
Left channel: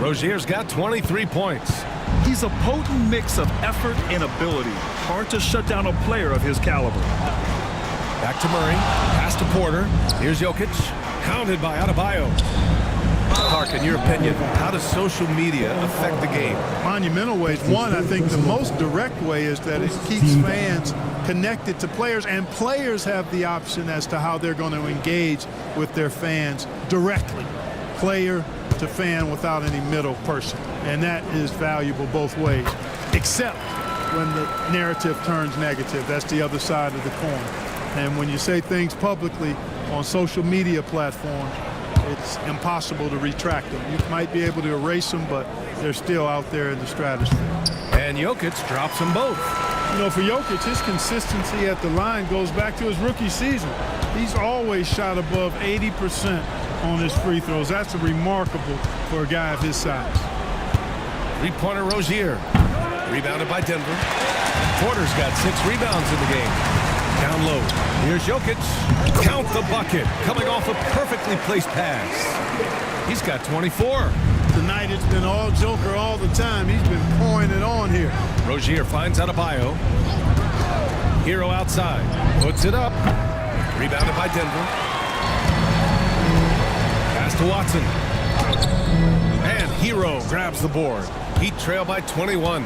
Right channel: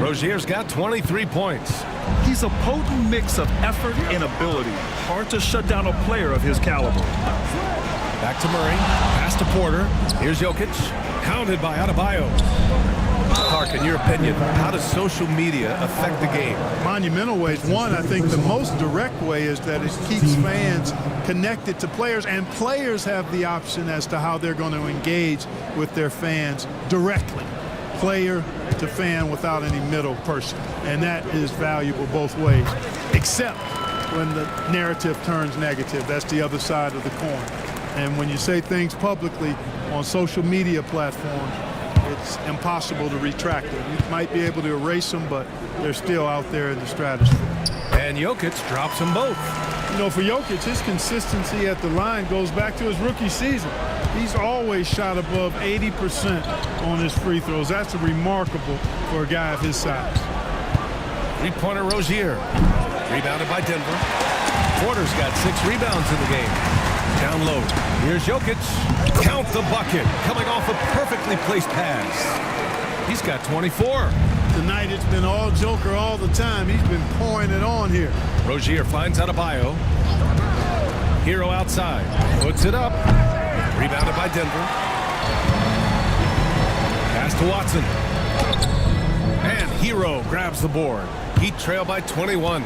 Rozier's got 23 points. He's a potent mix of effort and ability. Hard to shut down a player of his caliber. Back to Murray. Pass to Porter. Here's Jokic. Counted by Adebayo. Clark, in your opinion, how does social media affect the game? Monumental ways. One, I think the most direct way is that it keeps fans connected to players, and players have the option as to how they're going to engage with their fans directly. Player to fan without any middle person. And that is valuable both ways, except when the narrative turns negative. That's the other side of the coin. And when you say things publicly on social media platforms, it's impossible to retract them. You might be able to erase them, but they're still out there in the stratosphere. And Jokic drops them both. You know, for Jokic, his consistency at the line goes back to his rookie season. He's always shot above 80% on his free throws. That's remarkable for a guy of his size. 3-pointer Rozier. Rebounded by Denver. Porter's got 6 rebounds in the game. Down low. Here's Jokic. Count the bucket. Coming off a perfectly placed pass. He's got 24. Tonight it's been all Joker all the time. He's been pouring it on here. Rozier finds Adebayo. Hero outside. Puts it up. Rebounded by Denver. Pass to Watson. And Hero grabs the board. Heat trail by 21.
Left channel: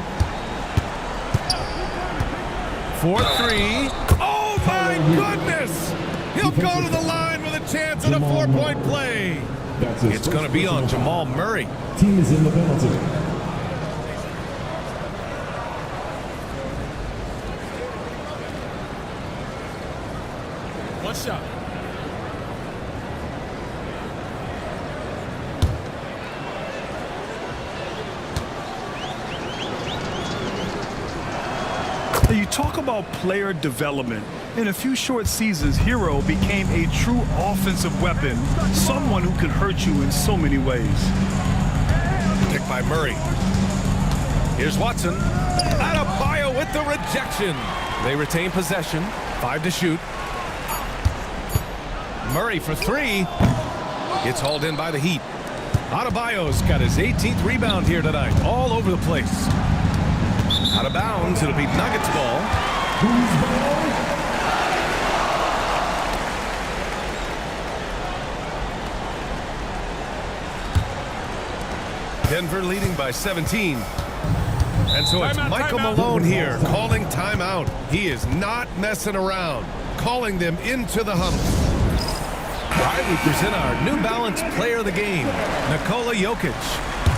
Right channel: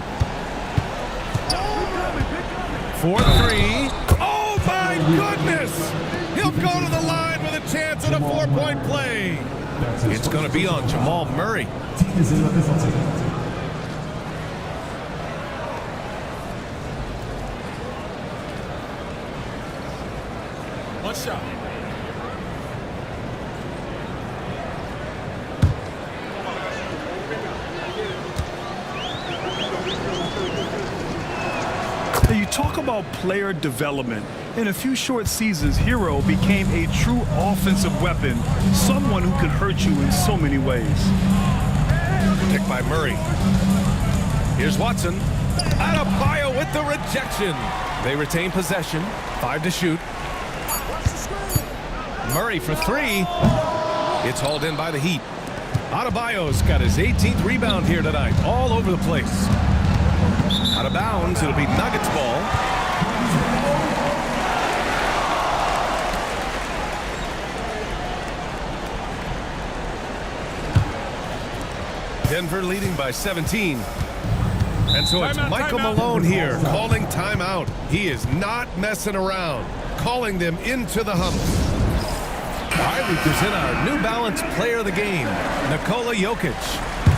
4-3. Oh my goodness! He'll go to the line with a chance at a 4-point play. It's going to be on Jamal Murray. Team is in the penalty. One shot. You talk about player development. In a few short seasons, Hero became a true offensive weapon, someone who can hurt you in so many ways. Picked by Murray. Here's Watson. Adebayo with the rejection. They retain possession. 5 to shoot. Murray for 3. It's hauled in by the Heat. Adebayo's got his 18th rebound here tonight. All over the place. Out of bounds. It'll be Nuggets ball. Denver leading by 17. And so it's Michael Malone here calling timeout. He is not messing around. Calling them into the huddle. All right, we present our New Balance player of the game, Nikola Jokic.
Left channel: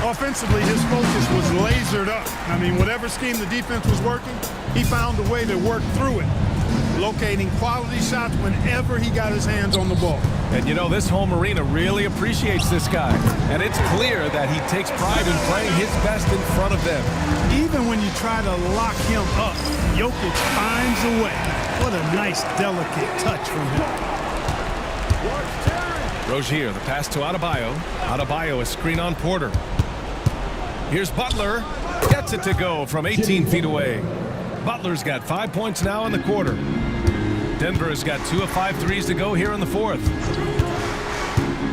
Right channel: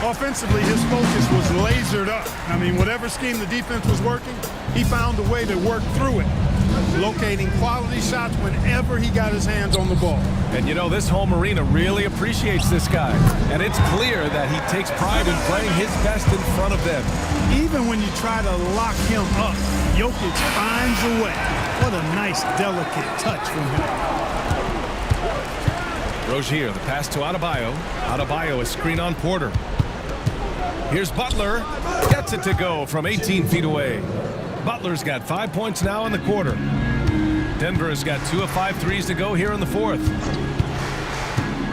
Offensively, his focus was lasered up. I mean, whatever scheme the defense was working, he found a way to work through it, locating quality shots whenever he got his hands on the ball. And you know, this home arena really appreciates this guy. And it's clear that he takes pride in playing his best in front of them. Even when you try to lock him up, Jokic finds a way. What a nice, delicate touch from him. Rozier, the pass to Adebayo. Adebayo, a screen on Porter. Here's Butler. Gets it to go from 18 feet away. Butler's got 5 points now in the quarter. Denver has got 2 of 5 threes to go here in the 4th.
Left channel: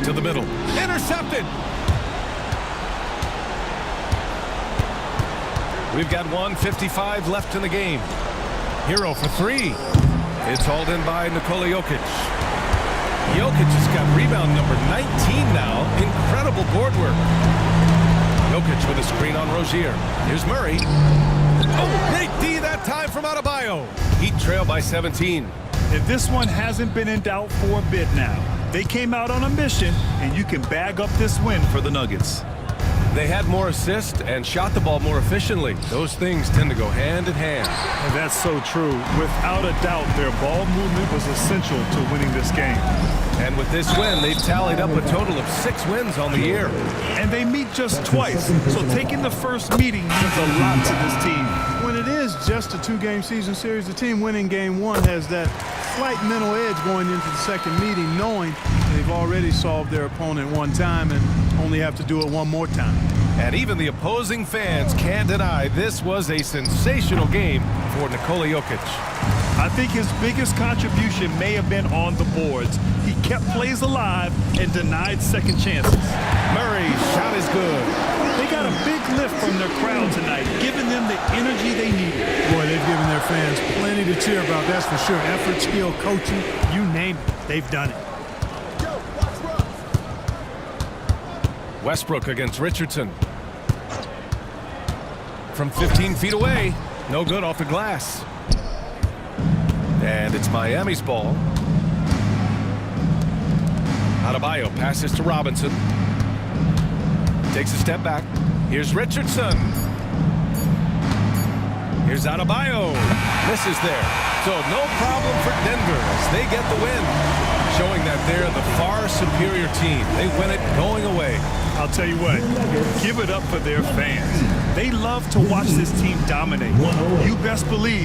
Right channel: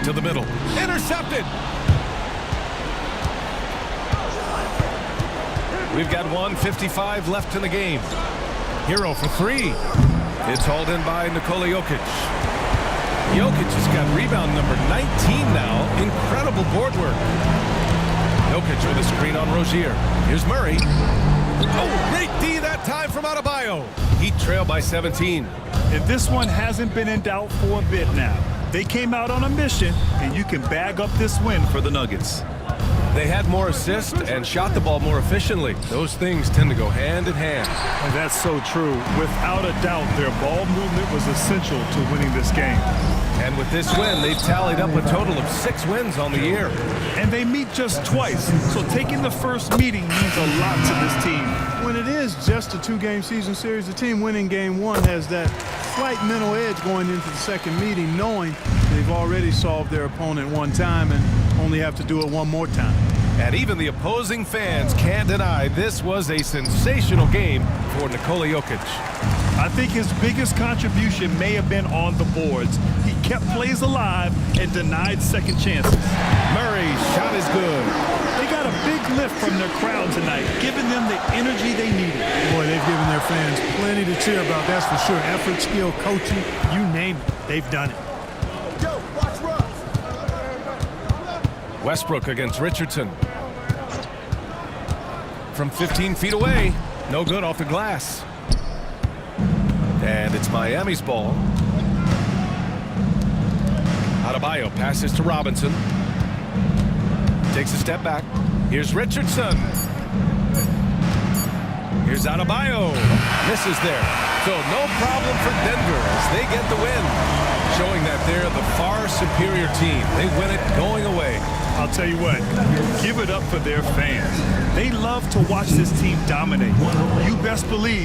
To the middle. Intercepted. We've got 1:55 left in the game. Hero for 3. It's hauled in by Nikola Jokic. Jokic has got rebound number 19 now. Incredible board work. Jokic with a screen on Rozier. Here's Murray. Oh, great D that time from Adebayo. Heat trail by 17. And this one hasn't been in doubt for a bit now. They came out on a mission, and you can bag up this win for the Nuggets. They had more assists and shot the ball more efficiently. Those things tend to go hand in hand. And that's so true. Without a doubt, their ball movement was essential to winning this game. And with this win, they've tallied up a total of 6 wins on the year. And they meet just twice, so taking the first meeting means a lot to this team. When it is just a 2-game season series, the team winning game 1 has that slight mental edge going into the second meeting, knowing they've already solved their opponent one time and only have to do it one more time. And even the opposing fans can't deny this was a sensational game for Nikola Jokic. I think his biggest contribution may have been on the boards. He kept plays alive and denied second chances. Murray's shot is good. They got a big lift from their crowd tonight, giving them the energy they needed. Boy, they've given their fans plenty to cheer about, that's for sure. Effort, skill, coaching, you name it, they've done it. Westbrook against Richardson. From 15 feet away, no good off the glass. And it's Miami's ball. Adebayo passes to Robinson. Takes a step back. Here's Richardson. Here's Adebayo. Misses there. So no problem for Denver as they get the win, showing that they're the far superior team. They win it going away. I'll tell you what, give it up for their fans. They love to watch this team dominate. You best believe